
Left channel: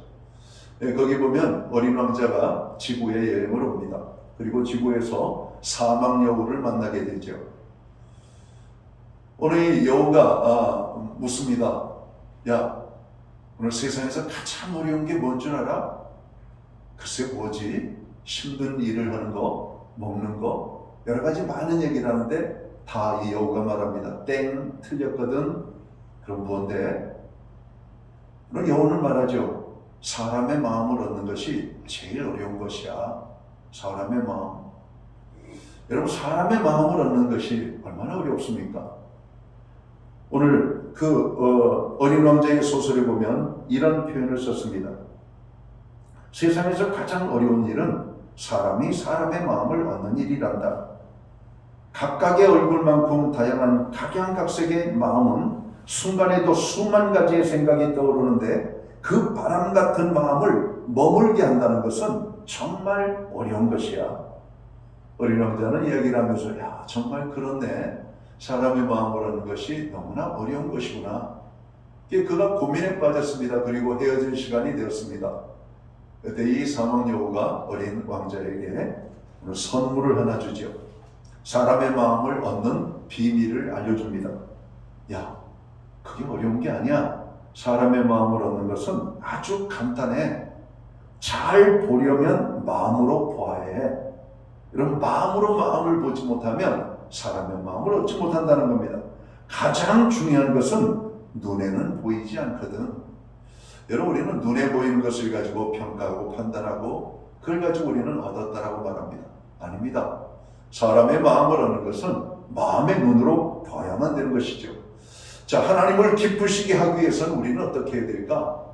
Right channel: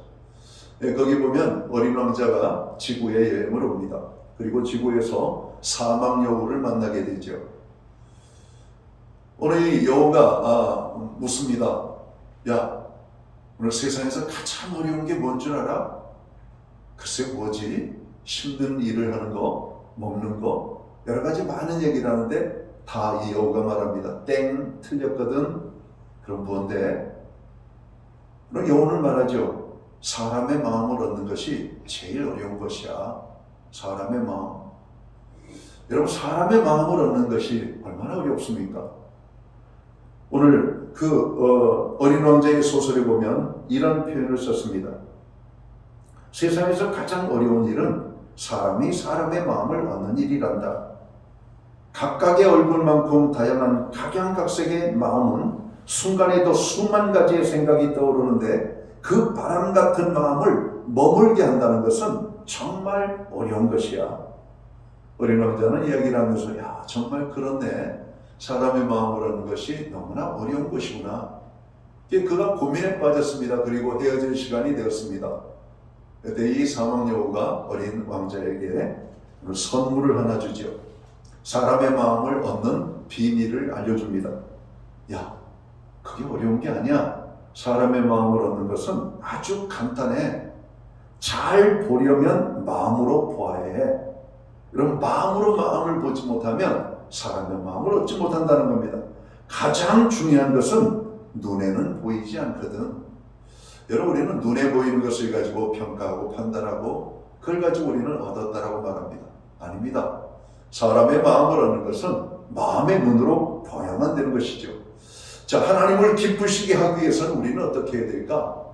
거기 보면 어린 왕자가 지구에 여행을 옵니다. 그리고 지구에서 사막 여우를 만나게 되죠. 오늘 이 여우가 묻습니다. 야, 오늘 세상에서 가장 어려운 게 뭔 줄 알아? 글쎄 뭐지? 힘든 일을 하는 거, 먹는 거, 여러 가지 많은 얘기를 하는데 다 이 여우가 말합니다. 땡, 틀렸거든. 그럼 뭔데? 그럼 여우는 말하죠. 사람의 마음을 얻는 것이 제일 어려운 것이야. 사람의 마음. 여러분, 사람의 마음을 얻는 것이 얼마나 어렵습니까? 오늘 어린 왕자의 소설에 보면 이런 표현을 썼습니다. 세상에서 가장 어려운 일은 사람이 사람의 마음을 얻는 일이란다. 각각의 얼굴만큼 다양한 각양각색의 마음은 순간에도 수만 가지의 생각이 떠오르는데 그 바람 같은 마음을 머물게 한다는 것은 정말 어려운 것이야. 어린 왕자는 이야기를 하면서 야 정말 그렇네. 사람의 마음을 하는 것이 너무나 어려운 것이구나. 그가 고민에 빠졌습니다. 그리고 헤어질 시간이 되었습니다. 그때 이 사막 여우가 어린 왕자에게 선물을 하나 주죠. 사람의 마음을 얻는 비밀을 알려줍니다. 야, 그게 어려운 게 아니야. 사람의 마음을 얻는 것은 아주 간단해. 잘 보려면 마음으로 보아야 해. 여러분, 마음으로 마음을 보지 못하면 사람의 마음을 얻지 못한다는 겁니다. 가장 중요한 것은 눈에는 보이지 않거든. 여러분, 우리는 눈에 보이는 것을 가지고 평가하고 판단하고 그걸 가지고 우리는 얻었다라고 말합니다. 아닙니다. 사람의 마음을 얻는 것은 마음의 눈으로 봐야만 되는 것이죠. 자, 하나님을 기쁘시게 하기 위해서는 우리는 어떻게 해야 될까?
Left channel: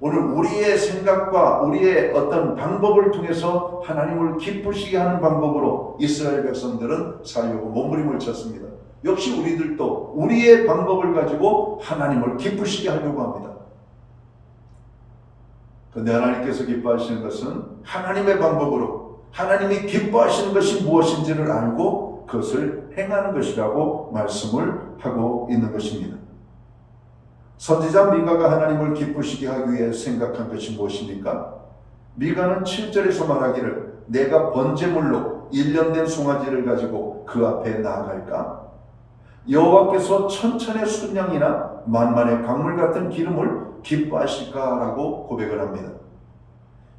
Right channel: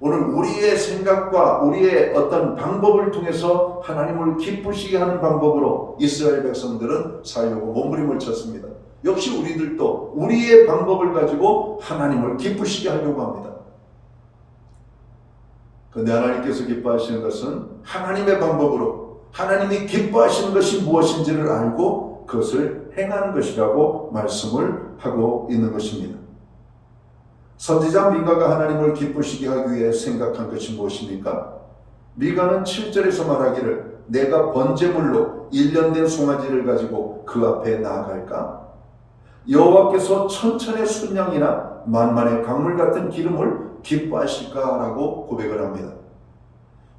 오늘 우리의 생각과 우리의 어떤 방법을 통해서 하나님을 기쁘시게 하는 방법으로 이스라엘 백성들은 살려고 몸부림을 쳤습니다. 역시 우리들도 우리의 방법을 가지고 하나님을 기쁘시게 하려고 합니다. 그런데 하나님께서 기뻐하시는 것은 하나님의 방법으로 하나님이 기뻐하시는 것이 무엇인지를 알고 그것을 행하는 것이라고 말씀을 하고 있는 것입니다. 선지자 미가가 하나님을 기쁘시게 하기 위해 생각한 것이 무엇입니까? 미가는 7절에서 말하기를 내가 번제물로 1년 된 송아지를 가지고 그 앞에 나아갈까? 여호와께서 천천의 순양이나 만만의 강물 같은 기름을 기뻐하실까라고 고백을 합니다.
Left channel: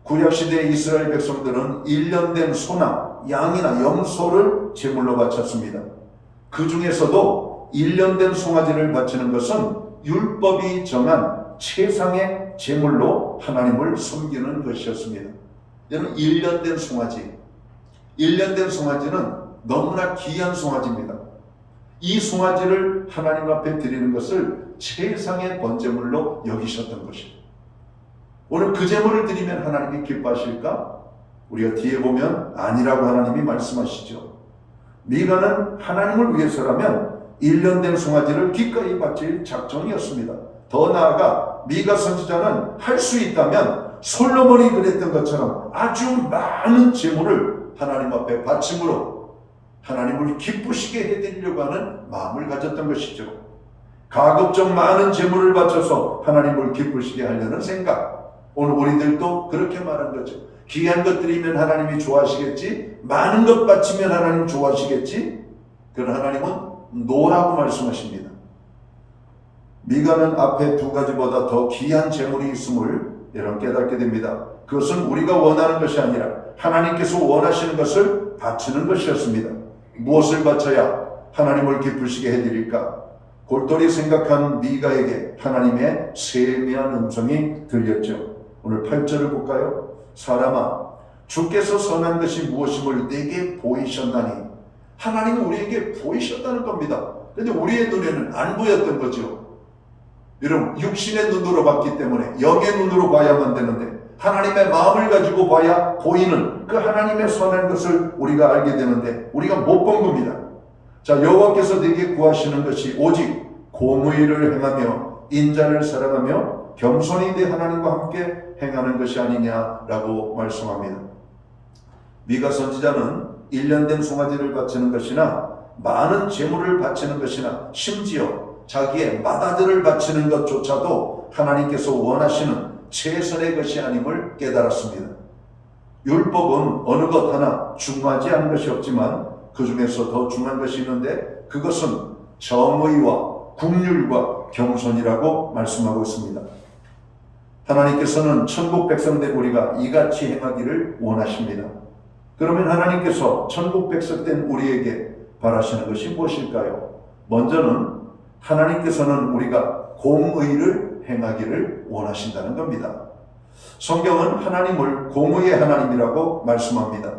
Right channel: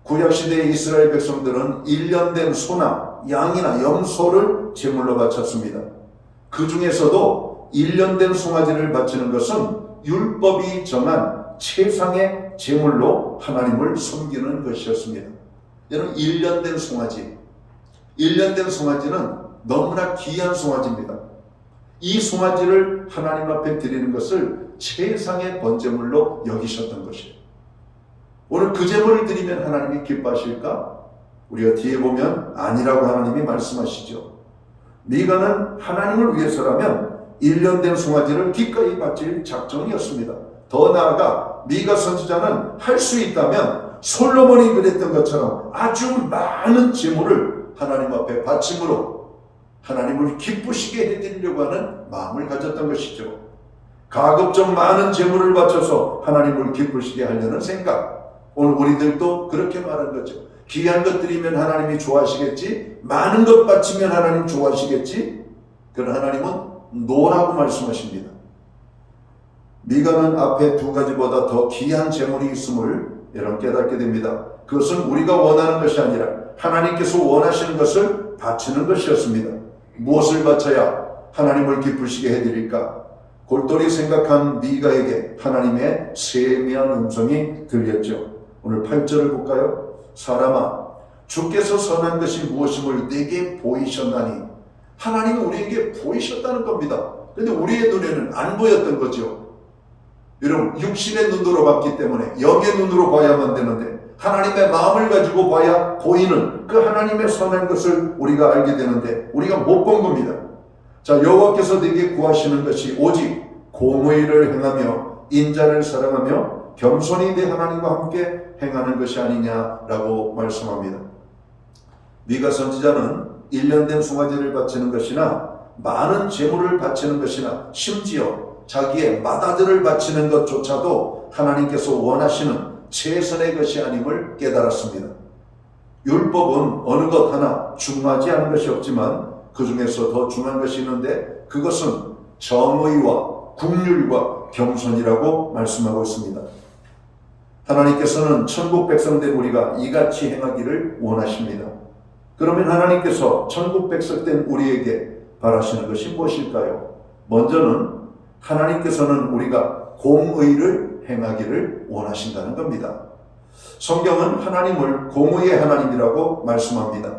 구약시대의 이스라엘 백성들은 1년 된 소나 양이나 염소를 제물로 바쳤습니다. 그 중에서도 1년 된 송아지를 바치는 것은 율법이 정한 최상의 제물로 하나님을 섬기는 것이었습니다. 여러분, 1년 된 송아지, 1년 된 송아지는 너무나 귀한 송아지입니다. 이 송아지를 하나님 앞에 드리는 것을 최상의 번제물로 여기셨던 것이에요. 오늘 그 제물을 드리면 하나님이 기뻐하실까? 우리가 뒤에 보면 아니라고 하나님이 말씀하시죠. 미가는 하나님을 위해서라면 1년 된 송아지를 기꺼이 바칠 작정이었습니다. 더 나아가 미가 선지자는 할 수 있다면 솔로몬이 그랬던 것처럼 아주 많은 제물을 하나님 앞에 바침으로 하나님을 기쁘시게 해드리려고 하는 마음을 가졌던 것이죠. 가급적 많은 제물을 바쳐서 하나님을 기쁘시게 하려는 생각. 오늘 우리들도 그렇게 말한 거죠. 귀한 것 드리면 하나님이 좋아하시겠지? 많은 것 바치면 하나님 좋아하시겠지? 그런 하나님은 노라고 말씀하십니다. 미가는 앞에 두 가지보다 더 귀한 제물이 있음을 여러분 깨닫게 됩니다. 그것은 우리가 원하는 것이 아니라 하나님께서 원하시는 것을 바치는 것이었습니다. 무엇을 바쳐야 하나님을 기쁘시게 해드릴까? 골똘히 생각한 미가에게 하나님의 세미한 음성이 들렸죠. 오늘 8절을 볼까요? 사람아, 주께서 선한 것이 무엇임을 내게 보이셨나니. 하나님은 우리에게 보이셨다는 겁니다. 그런데 우리의 눈에는 안 보였던 거죠. 여러분, 육신의 눈으로 봤기 때문에 영의 눈으로 봐야만 되는데 하나님의 마음을 가지고 봐야 보이는 그 하나님의 선한 것을 우리가 알게 되는데 우리가 못 본 겁니다. 자, 여호와께서 내게 구하시는 것이 오직 공의를 행하며 인자를 사랑하며 겸손히 내 하나님과 함께 행하는 것이 아니냐라고 말씀합니다. 미가 선지자는 1년 된 송아지를 바치는 것이나 많은 제물을 바치는 것이나 심지어 자기의 맏아들을 바치는 것조차도 하나님께서 원하시는 최선의 것이 아님을 깨달았습니다. 율법은 어느 것 하나 중요하지 않은 것이 없지만 그 중에서 더 중요한 것이 있는데 그것은 정의와 국률과 겸손이라고 말씀하고 있습니다. 하나님께서는 천국 백성된 우리가 이같이 행하기를 원하십니다. 그러면 하나님께서 천국 백성된 우리에게 바라시는 것이 무엇일까요? 먼저는 하나님께서는 우리가 공의를 행하기를 원하신다는 겁니다. 성경은 하나님을 공의의 하나님이라고 말씀합니다.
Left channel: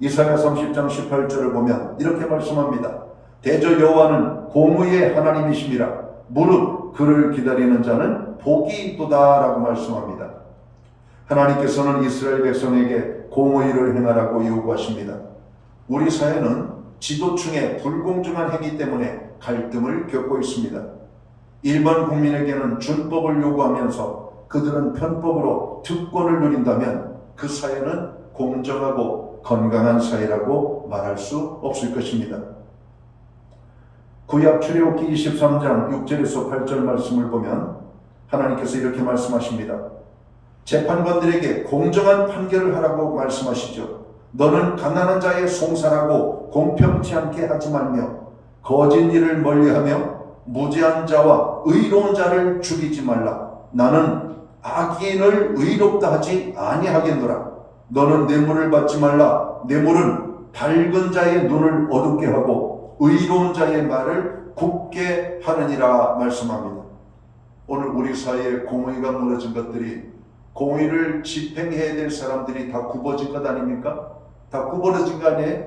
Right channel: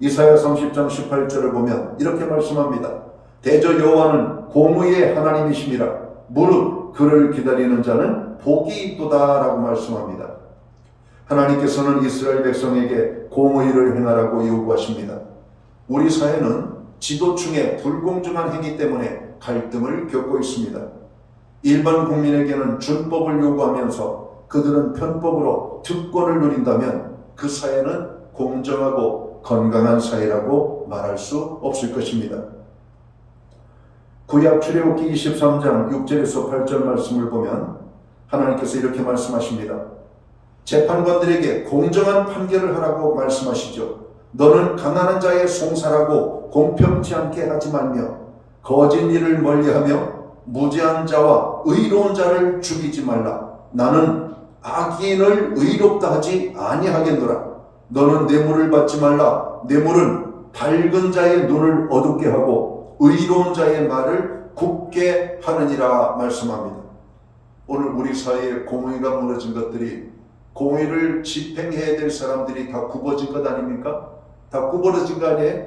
이사야 30장 18절을 보면 이렇게 말씀합니다. 대저 여호와는 공의의 하나님이심이라 무릇 그를 기다리는 자는 복이 있도다 라고 말씀합니다. 하나님께서는 이스라엘 백성에게 공의를 행하라고 요구하십니다. 우리 사회는 지도층의 불공정한 행위 때문에 갈등을 겪고 있습니다. 일반 국민에게는 준법을 요구하면서 그들은 편법으로 특권을 누린다면 그 사회는 공정하고 건강한 사회라고 말할 수 없을 것입니다. 구약 출애굽기 23장 6절에서 8절 말씀을 보면 하나님께서 이렇게 말씀하십니다. 재판관들에게 공정한 판결을 하라고 말씀하시죠. 너는 가난한 자의 송사라고 공평치 않게 하지 말며 거짓 일을 멀리하며 무죄한 자와 의로운 자를 죽이지 말라. 나는 악인을 의롭다 하지 아니하겠노라. 너는 뇌물을 받지 말라. 뇌물은 밝은 자의 눈을 어둡게 하고 의로운 자의 말을 굳게 하느니라 말씀합니다. 오늘 우리 사회에 공의가 무너진 것들이 공의를 집행해야 될 사람들이 다 굽어진 것 아닙니까? 다 구부러진 거 아니에요?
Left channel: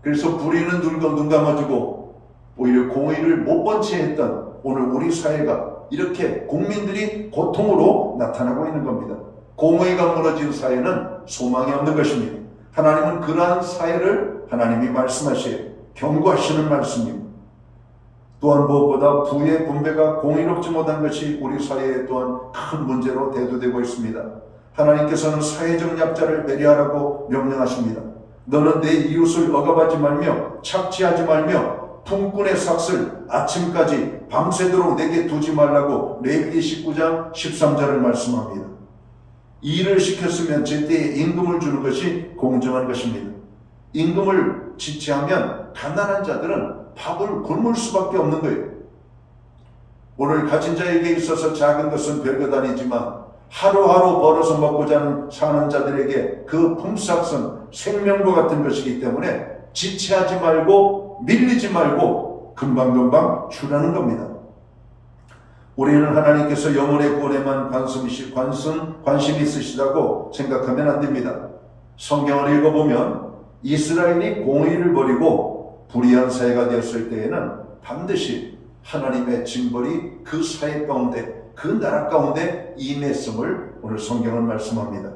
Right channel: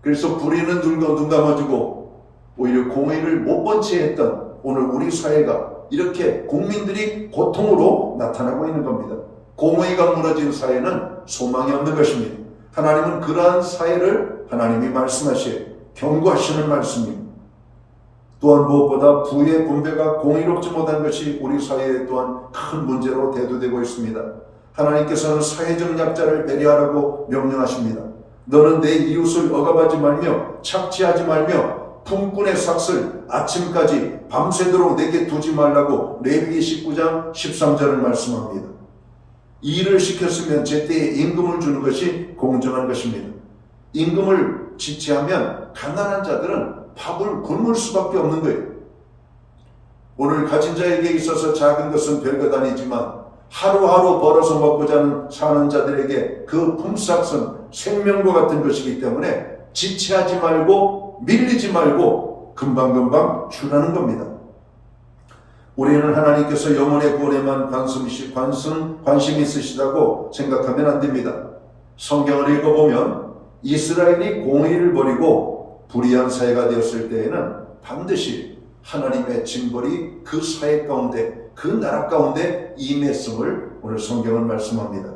그래서 불의는 눈 감아주고 오히려 공의를 못 본 채 했던 오늘 우리 사회가 이렇게 국민들이 고통으로 나타나고 있는 겁니다. 공의가 무너진 사회는 소망이 없는 것입니다. 하나님은 그러한 사회를 하나님이 말씀하시어 경고하시는 말씀입니다. 또한 무엇보다 부의 분배가 공의롭지 못한 것이 우리 사회에 또한 큰 문제로 대두되고 있습니다. 하나님께서는 사회적 약자를 배려하라고 명령하십니다. 너는 내 이웃을 억압하지 말며 착취하지 말며 품꾼의 삭슬 아침까지 밤새도록 내게 두지 말라고 레위기 19장 13절을 말씀합니다. 일을 시켰으면 제때에 임금을 주는 것이 공정한 것입니다. 임금을 지체하면 가난한 자들은 밥을 굶을 수밖에 없는 거예요. 오늘 가진 자에게 있어서 작은 것은 별것 아니지만 하루하루 벌어서 먹고 사는 자들에게 그 품삯은 생명과 같은 것이기 때문에 지체하지 말고 밀리지 말고 금방금방 주라는 겁니다. 우리는 하나님께서 영혼의 구원에만 관심이 있으시다고 생각하면 안 됩니다. 성경을 읽어보면 이스라엘이 공의를 버리고 불의한 사회가 되었을 때에는 반드시 하나님의 징벌이 그 사회 가운데 그 나라 가운데 임했음을 오늘 성경은 말씀합니다.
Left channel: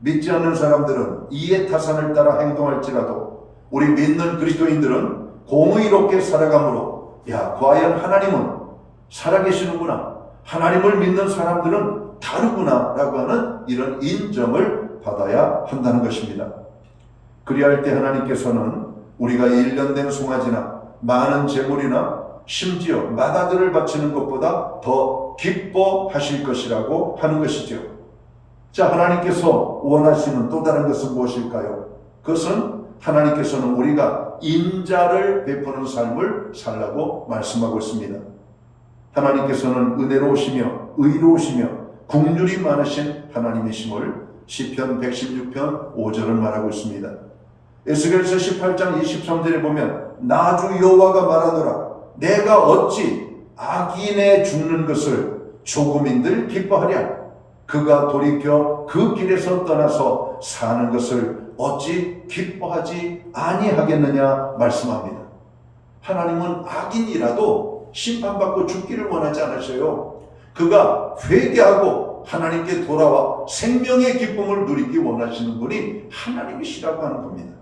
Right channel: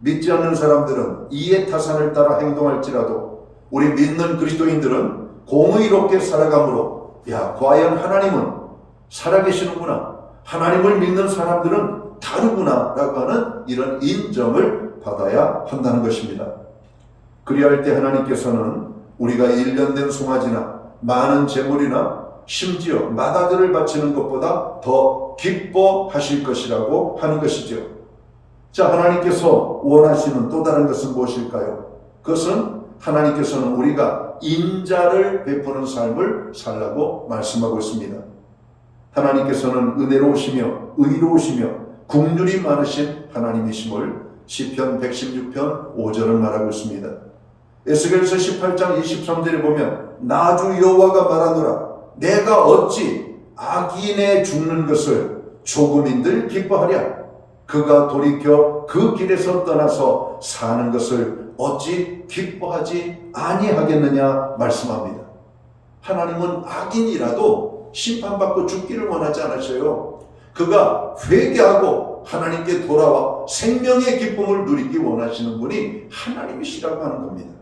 믿지 않는 사람들은 이해 타산을 따라 행동할지라도 우리 믿는 그리스도인들은 공의롭게 살아가므로 과연 하나님은 살아계시는구나, 하나님을 믿는 사람들은 다르구나 라고 하는 이런 인정을 받아야 한다는 것입니다. 그리할 때 하나님께서는 우리가 1년 된 송아지나 많은 재물이나 심지어 마다들을 바치는 것보다 더 기뻐하실 것이라고 하는 것이죠. 자, 하나님께서 원하시는 또 다른 것은 무엇일까요? 그것은 하나님께서는 우리가 인자를 베푸는 삶을 살라고 말씀하고 있습니다. 하나님께서는 은혜로우시며 의로우시며 긍휼이 많으신 하나님이심을 시편 116편 5절은 말하고 있습니다. 에스겔서 18장 23절에 보면 나 주 여호와가 말하노라 내가 어찌 악인의 죽는 것을 조금인들 기뻐하랴 그가 돌이켜 그 길에서 떠나서 사는 것을 어찌 기뻐하지 아니하겠느냐 말씀합니다. 하나님은 악인이라도 심판받고 죽기를 원하지 않으셔요. 그가 회개하고 하나님께 돌아와 생명의 기쁨을 누리기 원하시는 분이 하나님이시라고 하는 겁니다.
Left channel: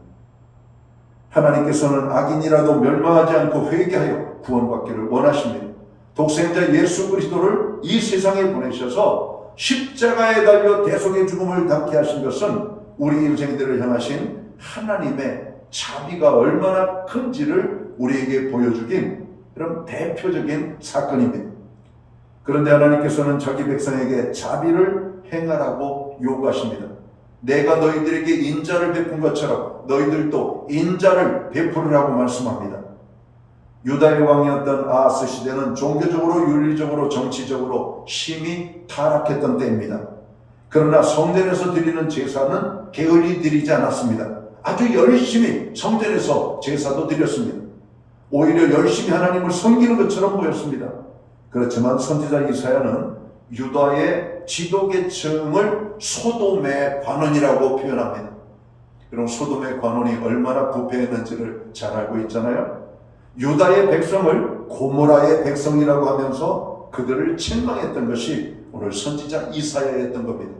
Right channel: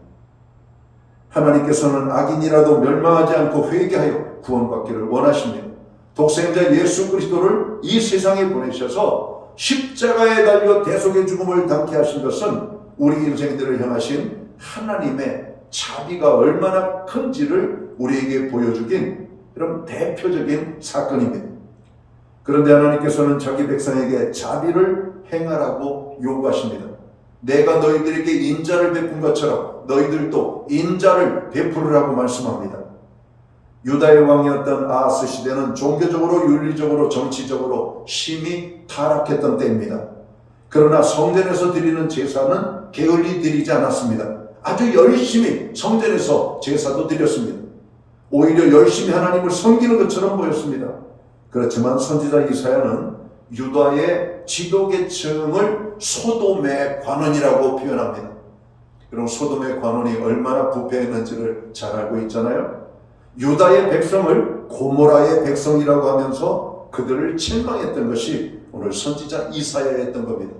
하나님께서는 악인이라도 멸망하지 않고 회개하여 구원받기를 원하십니다. 독생자 예수 그리스도를 이 세상에 보내셔서 십자가에 달려 대속의 죽음을 당케 하신 것은 우리 인생들을 향하신 하나님의 자비가 얼마나 큰지를 우리에게 보여주긴 그런 대표적인 사건입니다. 그런데 하나님께서는 자기 백성에게 자비를 행하라고 요구하십니다. 내가 너희들에게 인자를 베푼 것처럼 너희들도 인자를 베푸르라고 말씀합니다. 유다의 왕이었던 아하스 시대는 종교적으로 윤리적으로 정치적으로 심히 타락했던 때입니다. 그러나 성전에서 드리는 제사는 게을리 드리지 않았습니다. 아주 열심히 성전에서 제사도 드렸습니다. 오히려 열심히 하나님을 섬기는 것처럼 보였습니다. 그렇지만 선지자 이사야는 유다의 지도계층을 소돔의 관원이라고 표현합니다. 그럼 소돔의 관원이 얼마나 부패했는지를 잘 알고 있잖아요. 유다의 백성을 고모라의 백성이라고 하면서 그들을 책망했던 것이 오늘 선지자 이사야였던 겁니다.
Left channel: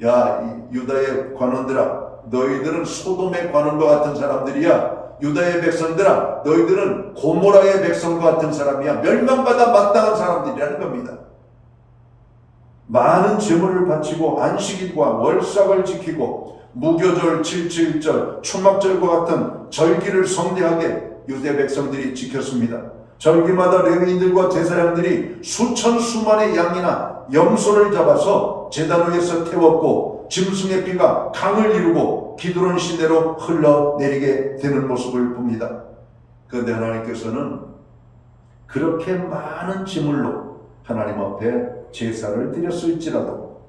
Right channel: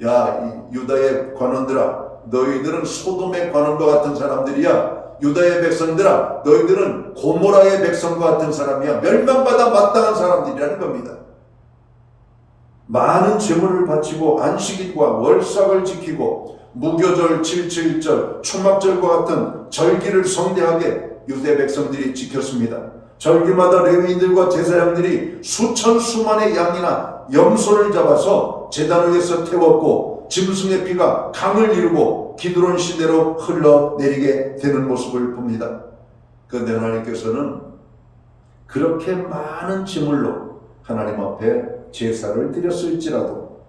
이 유다의 관원들아, 너희들은 소돔의 관원과 같은 사람들이야. 유다의 백성들아, 너희들은 고모라의 백성과 같은 사람이야. 멸망받아 마땅한 사람들이라는 겁니다. 많은 재물을 바치고 안식일과 월삭을 지키고 무교절, 7.7절, 초막절과 같은 절기를 성대하게 유대 백성들이 지켰습니다. 절기마다 레위인들과 제사장들이 수천 수만의 양이나 염소를 잡아서 제단 위에서 태웠고 짐승의 피가 강을 이루고 기드론 시대로 흘러내리게 되는 모습을 봅니다. 그런데 하나님께서는 그렇게 많은 제물로 하나님 앞에 제사를 드렸을지라도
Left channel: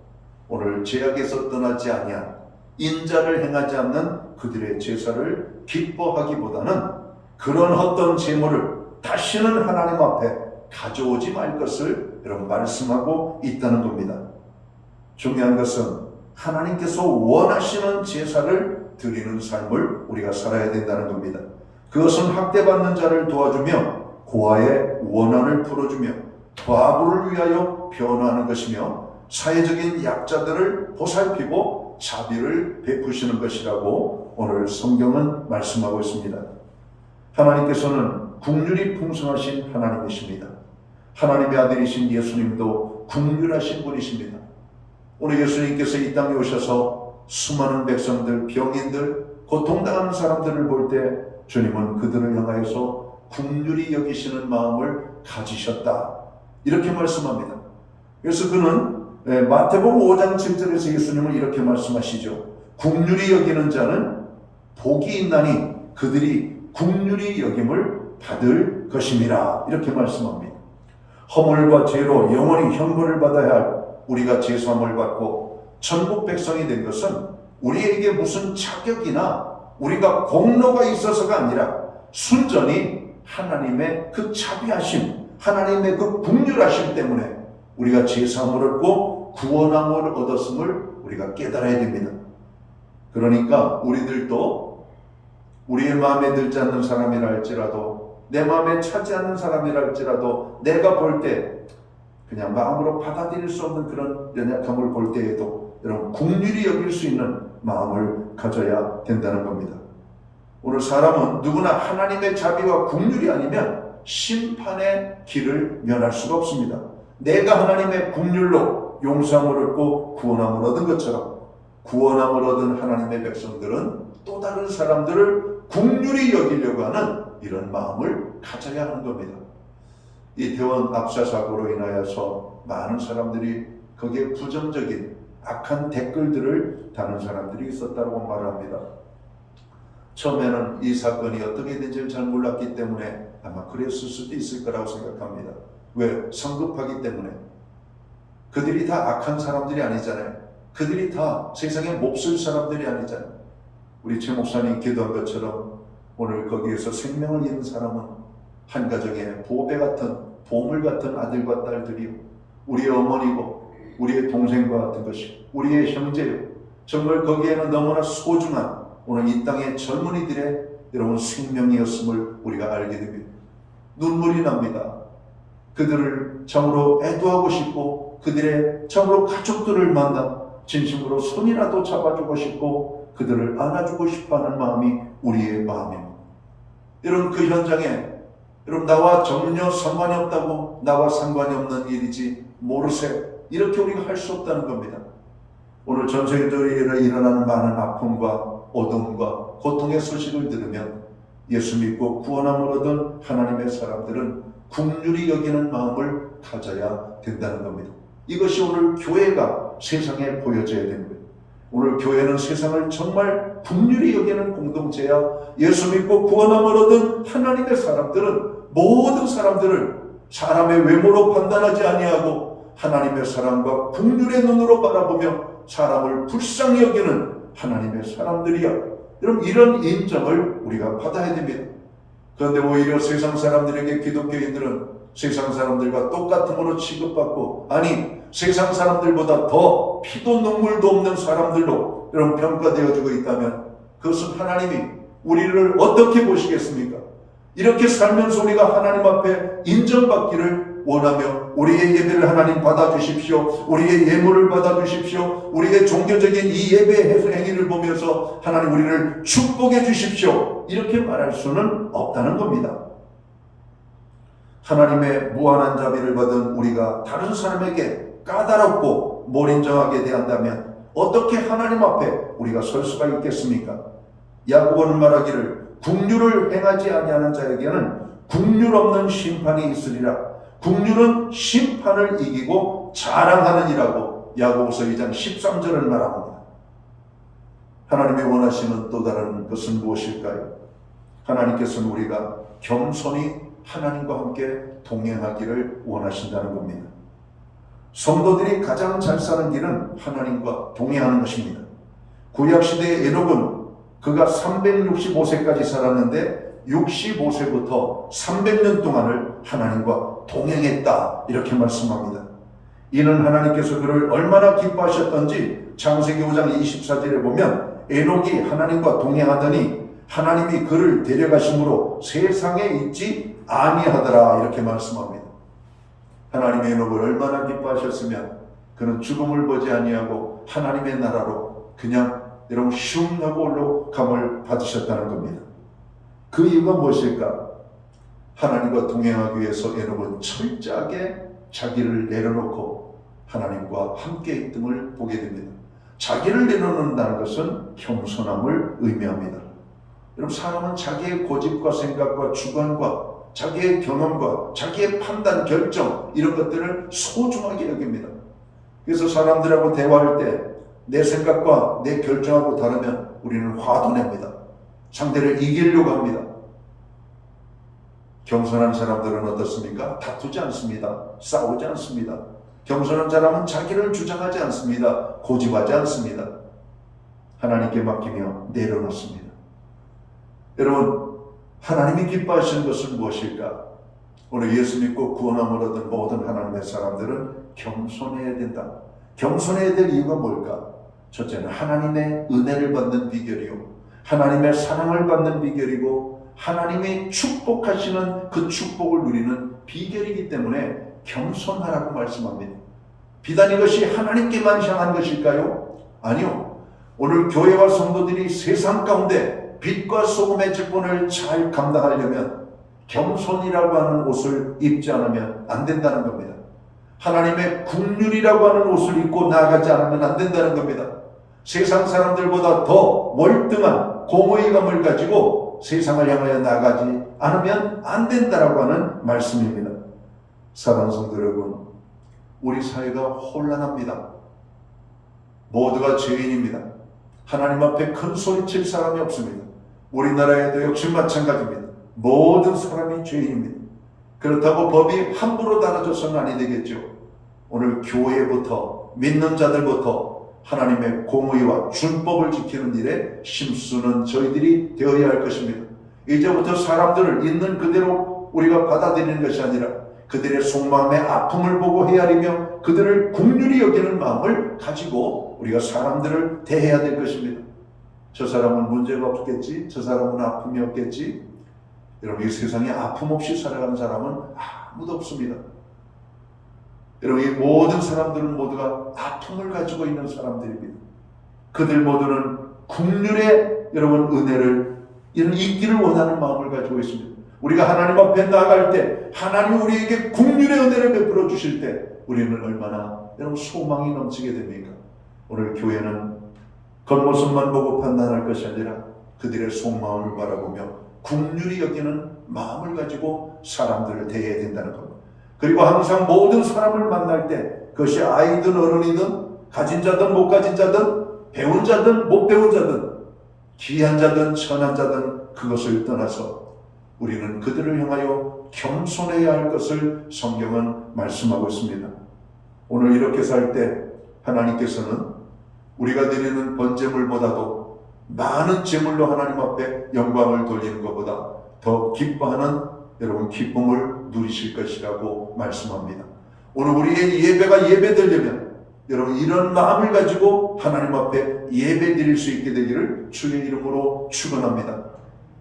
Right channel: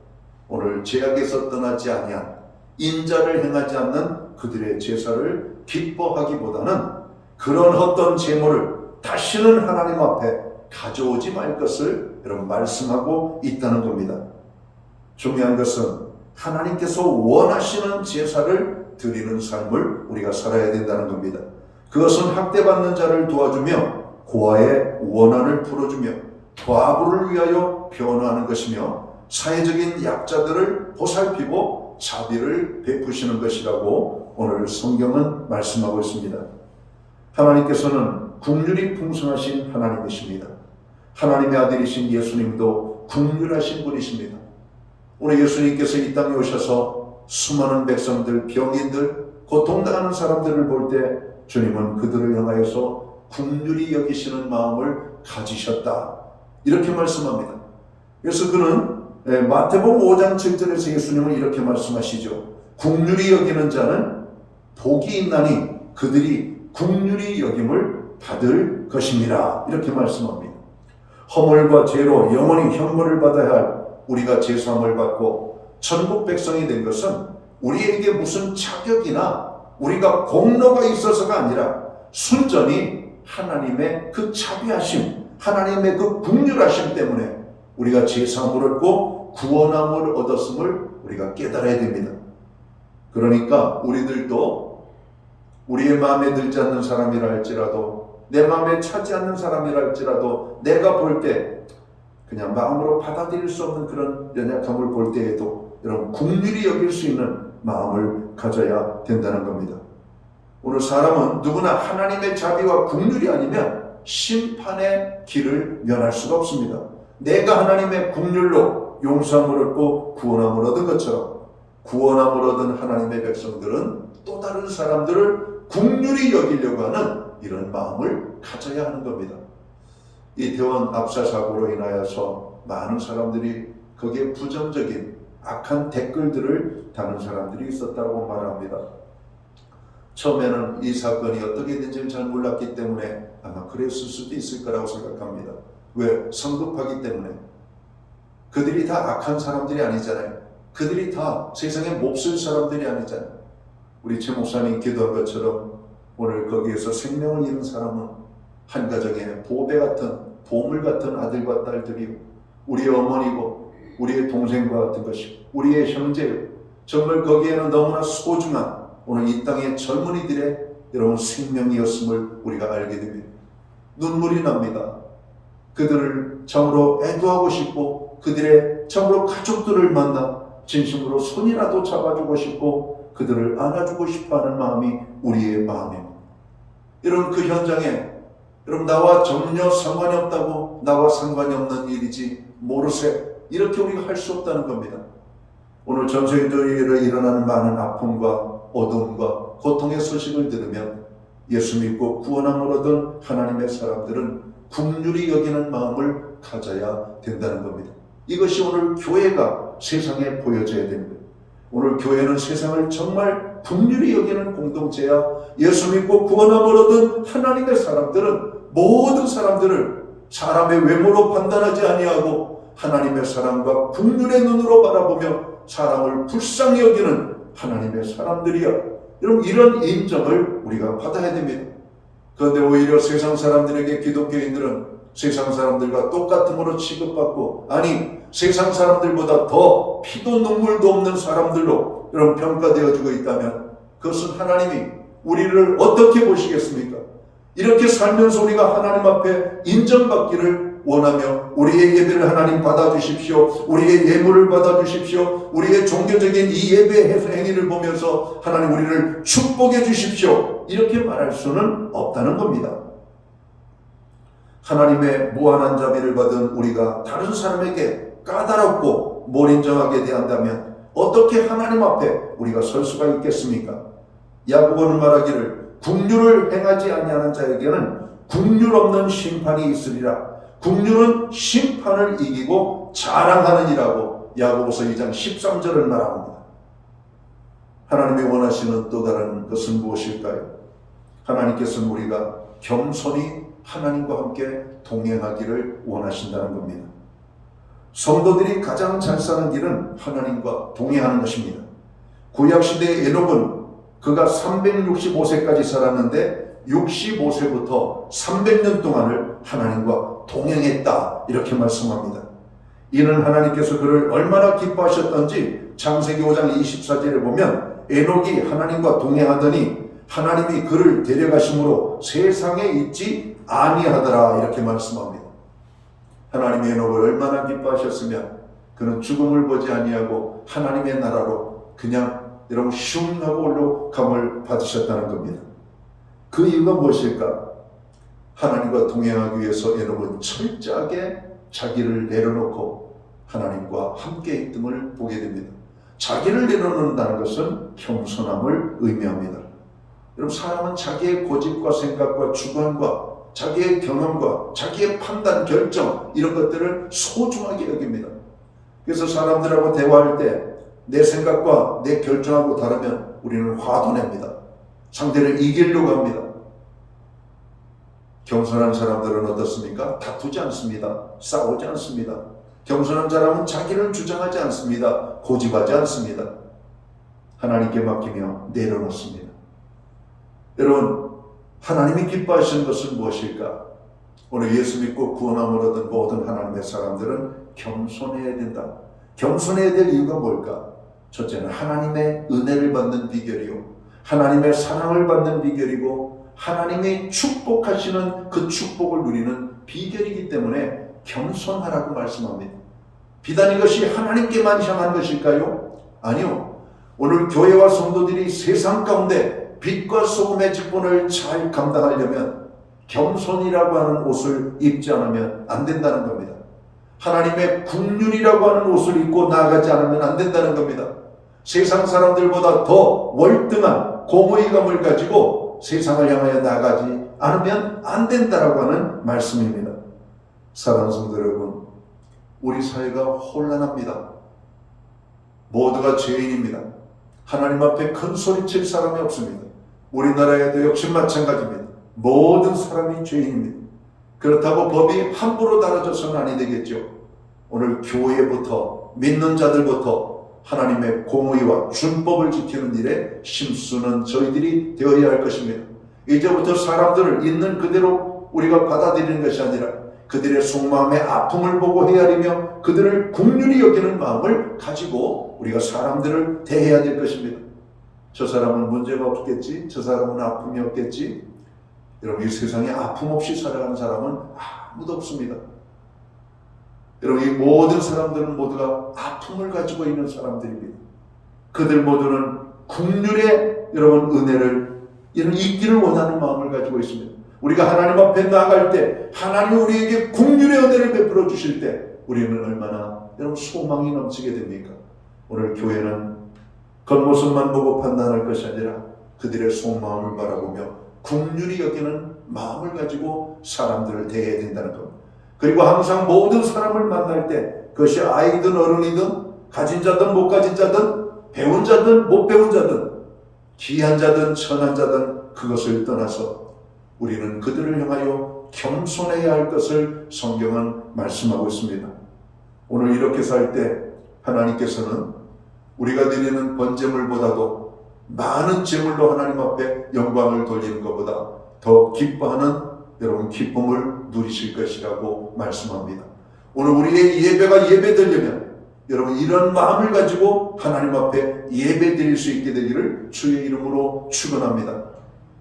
오늘 죄악에서 떠나지 아니한 인자를 행하지 않는 그들의 제사를 기뻐하기보다는 그런 어떤 제물을 다시는 하나님 앞에 가져오지 말 것을 여러분 말씀하고 있다는 겁니다. 중요한 것은 하나님께서 원하시는 제사를 드리는 삶을 우리가 살아야 된다는 겁니다. 그것은 학대받는 자를 도와주며 고아의 원한을 풀어주며 과부를 위하여 변호하는 것이며 사회적인 약자들을 보살피고 자비를 베푸시는 것이라고 오늘 성경은 말씀하고 있습니다. 하나님께서는 국률이 풍성하신 하나님이십니다. 하나님의 아들이신 예수님도 국률하신 분이십니다. 오늘 예수님께서 이 땅에 오셔서 수많은 백성들, 병인들, 고통당하는 사람들을 볼 때 주님은 그들을 향하여서 국률이 여기시는 마음을 가지셨다. 이렇게 말씀합니다. 그래서 그는 마태복음 5장 7절에서 예수님은 이렇게 말씀하시죠. 국률이 여기는 자는 복이 있나니 그들이 국률이 여김을 받을 것입니다. 이렇게 말씀합니다. 허물과 죄로 영원히 형벌을 받아야 할 우리가 제사함을 받고 천국 백성이 된 것은 우리에게 무슨 자격이나 우리가 공로가 있어서가 아니라 순전히 하나님의 그 자비하심, 하나님의 그 국률하심 때문에 우리가 제사함을 얻고 구원함을 얻었음을 우리가 깨달아야 됩니다. 그러니까 우리들도 우리의 마음에 들지 않는 사람이라 할지라도 내 마음에 차지 않는 사람이라 할지라도 내가 볼 때 그냥 마음으로 받아들일 수 없는 그런 연약함을 볼 때에도 여러분 국률이 여길 수 있는 마음을 가져야 된다는 겁니다. 오늘 사람은 누구나 하나님의 자비와 국률이 아니면 심판의 길을 면할 수가 없습니다. 내가 하나님의 국률로 용서함을 얻고 구원함을 얻은 것처럼 구원함을 얻은 하나님의 백성들은 또 다른 사람들을 국률이 여기려고 하는 이런 마음을 가져야 하는 겁니다. 이태원 압사 사고로 인하여서 많은 사람들이 거기에 부정적인 악한 댓글들을 다는 사람들이 있었다고 말합니다. 처음에는 이 사건이 어떻게 된지를 잘 몰랐기 때문에 아마 그랬을 수도 있을 거라고 생각합니다. 왜? 성급하기 때문에. 그들이 다 악한 사람들이 아니잖아요. 그들이 다 세상에 몹쓸 사람들이 아니잖아요. 우리 최 목사님 기도한 것처럼 오늘 거기에서 생명을 잃은 사람은 한 가정에 보배 같은 보물 같은 아들과 딸들이요, 우리의 어머니고 우리의 동생과 같은 것이 우리의 형제요, 정말 거기에는 너무나 소중한 오늘 이 땅의 젊은이들의 여러분 생명이었음을 우리가 알게 됩니다. 눈물이 납니다. 그들을 참으로 애도하고 싶고 그들의 참으로 가족들을 만나 진심으로 손이라도 잡아주고 싶고 그들을 안아주고 싶어하는 마음이 우리의 마음입니다. 여러분 그 현장에 여러분 나와 전혀 상관이 없다고 나와 상관이 없는 일이지 모르세 이렇게 우리가 할 수 없다는 겁니다. 오늘 전 세계적으로 일어나는 많은 아픔과 어둠과 고통의 소식을 들으면 예수 믿고 구원함을 얻은 하나님의 사람들은 국률이 여기는 마음을 가져야 된다는 겁니다. 이것이 오늘 교회가 세상에 보여져야 됩니다. 오늘 교회는 세상을 정말 국률이 여기는 공동체야. 예수 믿고 구원함을 얻은 하나님의 사람들은 모든 사람들을 사람의 외모로 판단하지 아니하고 하나님의 사랑과 국률의 눈으로 바라보며 사람을 불쌍히 여기는 하나님의 사람들이야. 여러분 이런 인정을 우리가 받아야 됩니다. 그런데 오히려 세상 사람들에게 기독교인들은 세상 사람들과 똑같음으로 취급받고 아니 세상 사람들보다 더 피도 눈물도 없는 사람들로 여러분 평가되어지고 있다면 그것은 하나님이 우리를 어떻게 보시겠습니까? 이렇게 살면서 우리가 하나님 앞에 인정받기를 원하며 우리의 예배를 하나님 받아주십시오. 우리의 예물을 받아주십시오. 우리의 종교적인 이 예배 행위를 보면서 하나님 우리를 축복해 주십시오. 이렇게 말할 수는 없다는 겁니다. 하나님의 무한한 자비를 받은 우리가 다른 사람에게 까다롭고 몰인정하게 대한다면 어떻게 하나님 앞에 우리가 설 수가 있겠습니까? 야고보는 말하기를 국률을 행하지 아니하는 자에게는 국률 없는 심판이 있으리라. 국률은 심판을 이기고 자랑하느니라고 야고보서 2장 13절을 말합니다. 하나님이 원하시는 또 다른 것은 무엇일까요? 하나님께서는 우리가 겸손히 하나님과 함께 동행하기를 원하신다는 겁니다. 성도들이 가장 잘 사는 길은 하나님과 동행하는 것입니다. 구약시대의 에녹은 그가 365세까지 살았는데 65세부터 300년 동안을 하나님과 동행했다, 이렇게 말씀합니다. 이는 하나님께서 그를 얼마나 기뻐하셨던지 창세기 5장 24절에 보면 에녹이 하나님과 동행하더니 하나님이 그를 데려가심으로 세상에 있지 아니하더라, 이렇게 말씀합니다. 하나님의 에녹을 얼마나 기뻐하셨으면 그는 죽음을 보지 아니하고 하나님의 나라로 그냥 이런 슝 하고 올라감을 받으셨다는 겁니다. 그 이유가 무엇일까? 하나님과 동행하기 위해서 에녹은 철저하게 자기를 내려놓고 하나님과 함께 있음을 보게 됩니다. 자기를 내려놓는다는 것은 겸손함을 의미합니다. 여러분, 사람은 자기의 고집과 생각과 주관과 자기의 경험과 자기의 판단, 결정, 이런 것들을 소중하게 여깁니다. 그래서 사람들하고 대화할 때 내 생각과 내 결정하고 다르면 우리는 화도 냅니다. 상대를 이기려고 합니다. 겸손한 사람들은 어떻습니까? 다투지 않습니다. 싸우지 않습니다. 겸손한 사람은 자기를 주장하지 않습니다. 고집하지 않습니다. 하나님께 맡기며 내려놓습니다. 여러분, 하나님이 기뻐하시는 것은 무엇일까? 오늘 예수 믿고 구원함을 얻은 모든 하나님의 사람들은 겸손해야 된다. 겸손해야 될 이유가 뭘까? 첫째는 하나님의 은혜를 받는 비결이요, 하나님의 사랑을 받는 비결이고 하나님이 축복하시는 그 축복을 누리는 비결이기 때문에 겸손하라고 말씀합니다. 비단 이것이 하나님께만 향한 것일까요? 아니요. 오늘 교회와 성도들이 세상 가운데 빛과 소금의 직분을 잘 감당하려면 겸손이라고 하는 옷을 입지 않으면 안 된다는 겁니다. 하나님의 국률이라고 하는 옷을 입고 나아가지 않으면 안 된다는 겁니다. 세상 사람들보다 더 월등한 공의감을 가지고 세상을 향하여 나아가지 않으면 안 된다라고 하는 말씀입니다. 사랑하는 성도 여러분, 우리 사회가 혼란합니다. 모두가 죄인입니다. 하나님 앞에 큰 소리칠 사람이 없습니다. 우리나라에도 역시 마찬가지입니다. 모든 사람이 죄인입니다. 그렇다고 법이 함부로 달아져서는 아니 되겠죠. 오늘 교회부터 믿는 자들부터 하나님의 공의와 준법을 지키는 일에 힘쓰는 저희들이 되어야 할 것입니다. 이제부터 사람들을 있는 그대로 우리가 받아들이는 것이 아니라 그들의 속마음의 아픔을 보고 헤아리며 그들을 긍휼히 여기는 마음을 가지고 우리가 사람들을 대해야 될 것입니다. 저 사람은 문제가 없겠지, 저 사람은 아픔이 없겠지. 여러분, 이 세상에 아픔 없이 살아가는 사람은 아무도 없습니다. 여러분, 이 모든 사람들은 모두가 아픔을 가지고 있는 사람들입니다. 그들 모두는 긍휼의 여러분 은혜를 잊기를 원하는 마음을 가지고 있습니다. 우리가 하나님 앞에 나아갈 때 하나님이 우리에게 긍휼의 은혜를 베풀어 주실 때 우리는 얼마나 여러분 소망이 넘치게 됩니까? 오늘 교회는 겉모습만 보고 판단할 것이 아니라 그들의 속마음을 바라보며 긍휼히 여기는 마음을 가지고 사람들을 대해야 된다는 겁니다. 그리고 항상 모든 사람을 만날 때 그것이 아이든 어른이든 가진 자든 못 가진 자든 배운 자든 못 배운 자든 귀한 자든 천한 자든 그것을 떠나서 우리는 그들을 향하여 겸손해야 할 것을 성경은 말씀하고 있습니다. 오늘 이렇게 살 때 하나님께서는 우리가 드리는 번제물보다도 많은 제물로 하나님 앞에 영광을 돌리는 것보다 더 기뻐하는 여러분 기쁨을 누리실 것이라고 말씀합니다. 오늘 우리의 예배가 예배되려면 여러분 이런 마음을 가지고 하나님 앞에 예배 드릴 수 있게 되기를 주의 이름으로 축원합니다.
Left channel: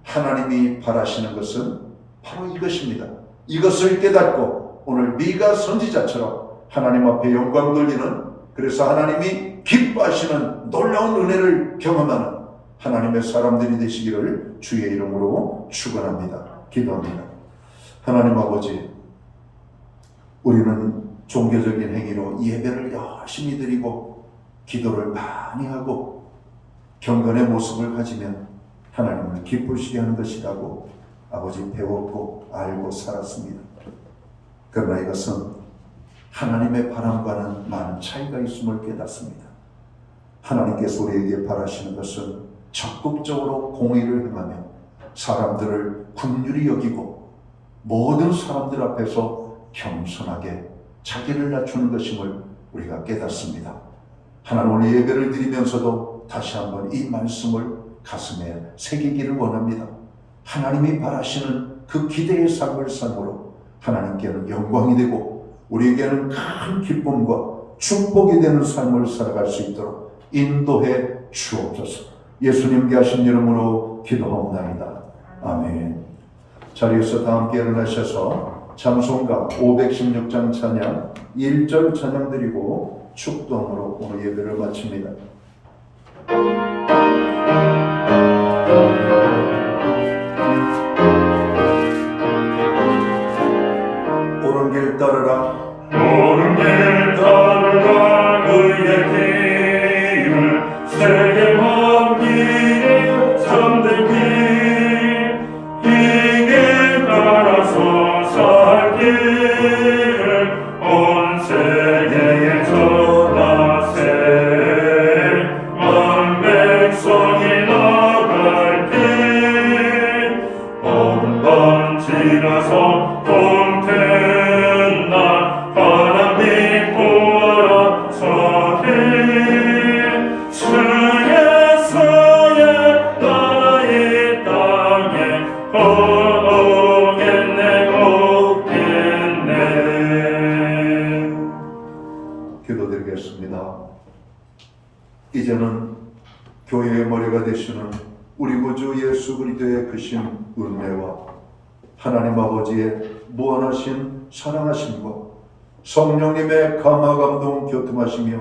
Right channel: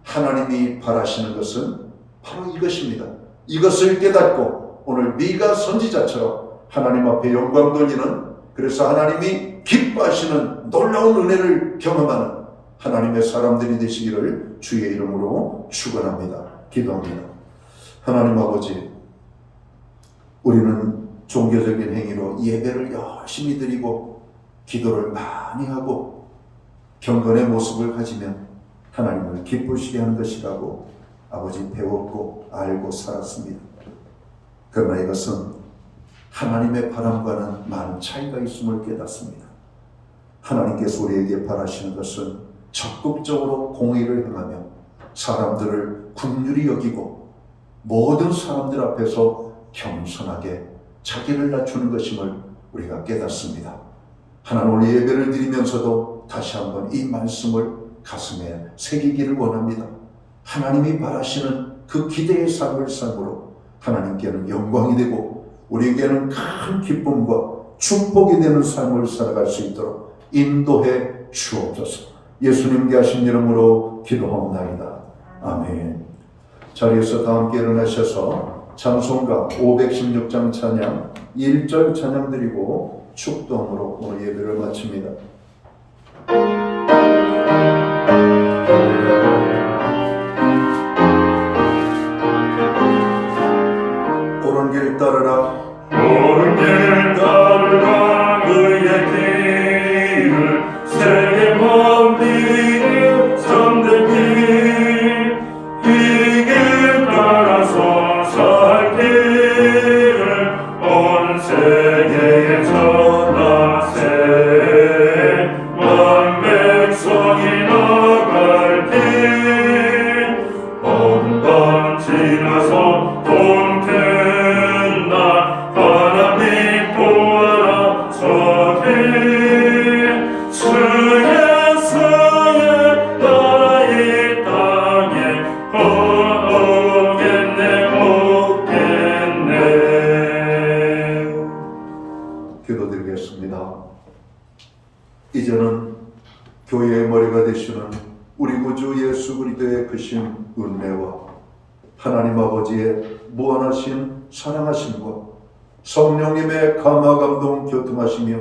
하나님이 바라시는 것은 바로 이것입니다. 이것을 깨닫고 오늘 미가 선지자처럼 하나님 앞에 영광 돌리는, 그래서 하나님이 기뻐하시는 놀라운 은혜를 경험하는 하나님의 사람들이 되시기를 주의 이름으로 축원합니다. 기도합니다. 하나님 아버지, 우리는 종교적인 행위로 예배를 열심히 드리고 기도를 많이 하고 경건의 모습을 가지면 하나님을 기쁘시게 하는 것이라고 아버지 배웠고 알고 살았습니다. 그러나 이것은 하나님의 바람과는 많은 차이가 있음을 깨닫습니다. 하나님께서 우리에게 바라시는 것은 적극적으로 공의를 행하며 사람들을 긍휼히 여기고 모든 사람들 앞에서 겸손하게 자기를 낮추는 것임을 우리가 깨닫습니다. 하나님 오늘 예배를 드리면서도 다시 한번 이 말씀을 가슴에 새기기를 원합니다. 하나님이 바라시는 그 기대의 삶을 삶으로 하나님께는 영광이 되고 우리에게는 큰 기쁨과 축복이 되는 삶을 살아갈 수 있도록 인도해 주옵소서. 예수님께 하신 이름으로 기도하옵나이다. 아멘. 자리에서 다 함께 일어나셔서 찬송가 516장 찬양 1절 찬양 드리고 축도함으로 오늘 예배를 마칩니다. 옳은 길 따르라 옳은 길 따르라 의의 길을 세계 만민을 참된 길 이 길 따라서 살 길을 온 세계에 전하세 만 백성이 나갈 길 온방 지나서 동태나 하나님 보아라 저길 주 예수의 나라 이 땅에 오겠네. 기도드리겠습니다. 이제는 교회의 머리가 되시는 우리 구주 예수 그리스도의 크신 은혜와 하나님 아버지의 무한하신 사랑하심과 성령님의 감화 감동 교통하시며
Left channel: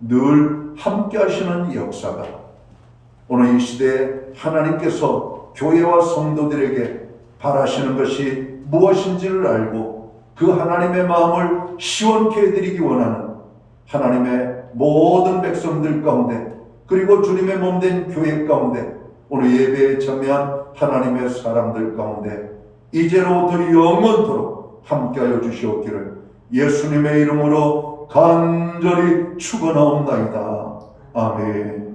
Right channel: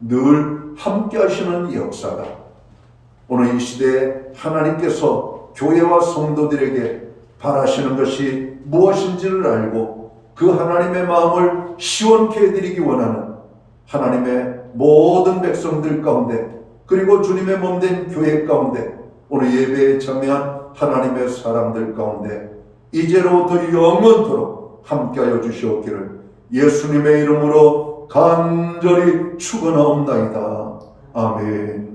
늘 함께 하시는 역사가 오늘 이 시대에 하나님께서 교회와 성도들에게 바라시는 것이 무엇인지를 알고 그 하나님의 마음을 시원케 해드리기 원하는 하나님의 모든 백성들 가운데 그리고 주님의 몸된 교회 가운데 오늘 예배에 참여한 하나님의 사람들 가운데 이제로부터 영원토록 함께하여 주시옵기를 예수님의 이름으로 간절히 축원하옵나이다. 아멘.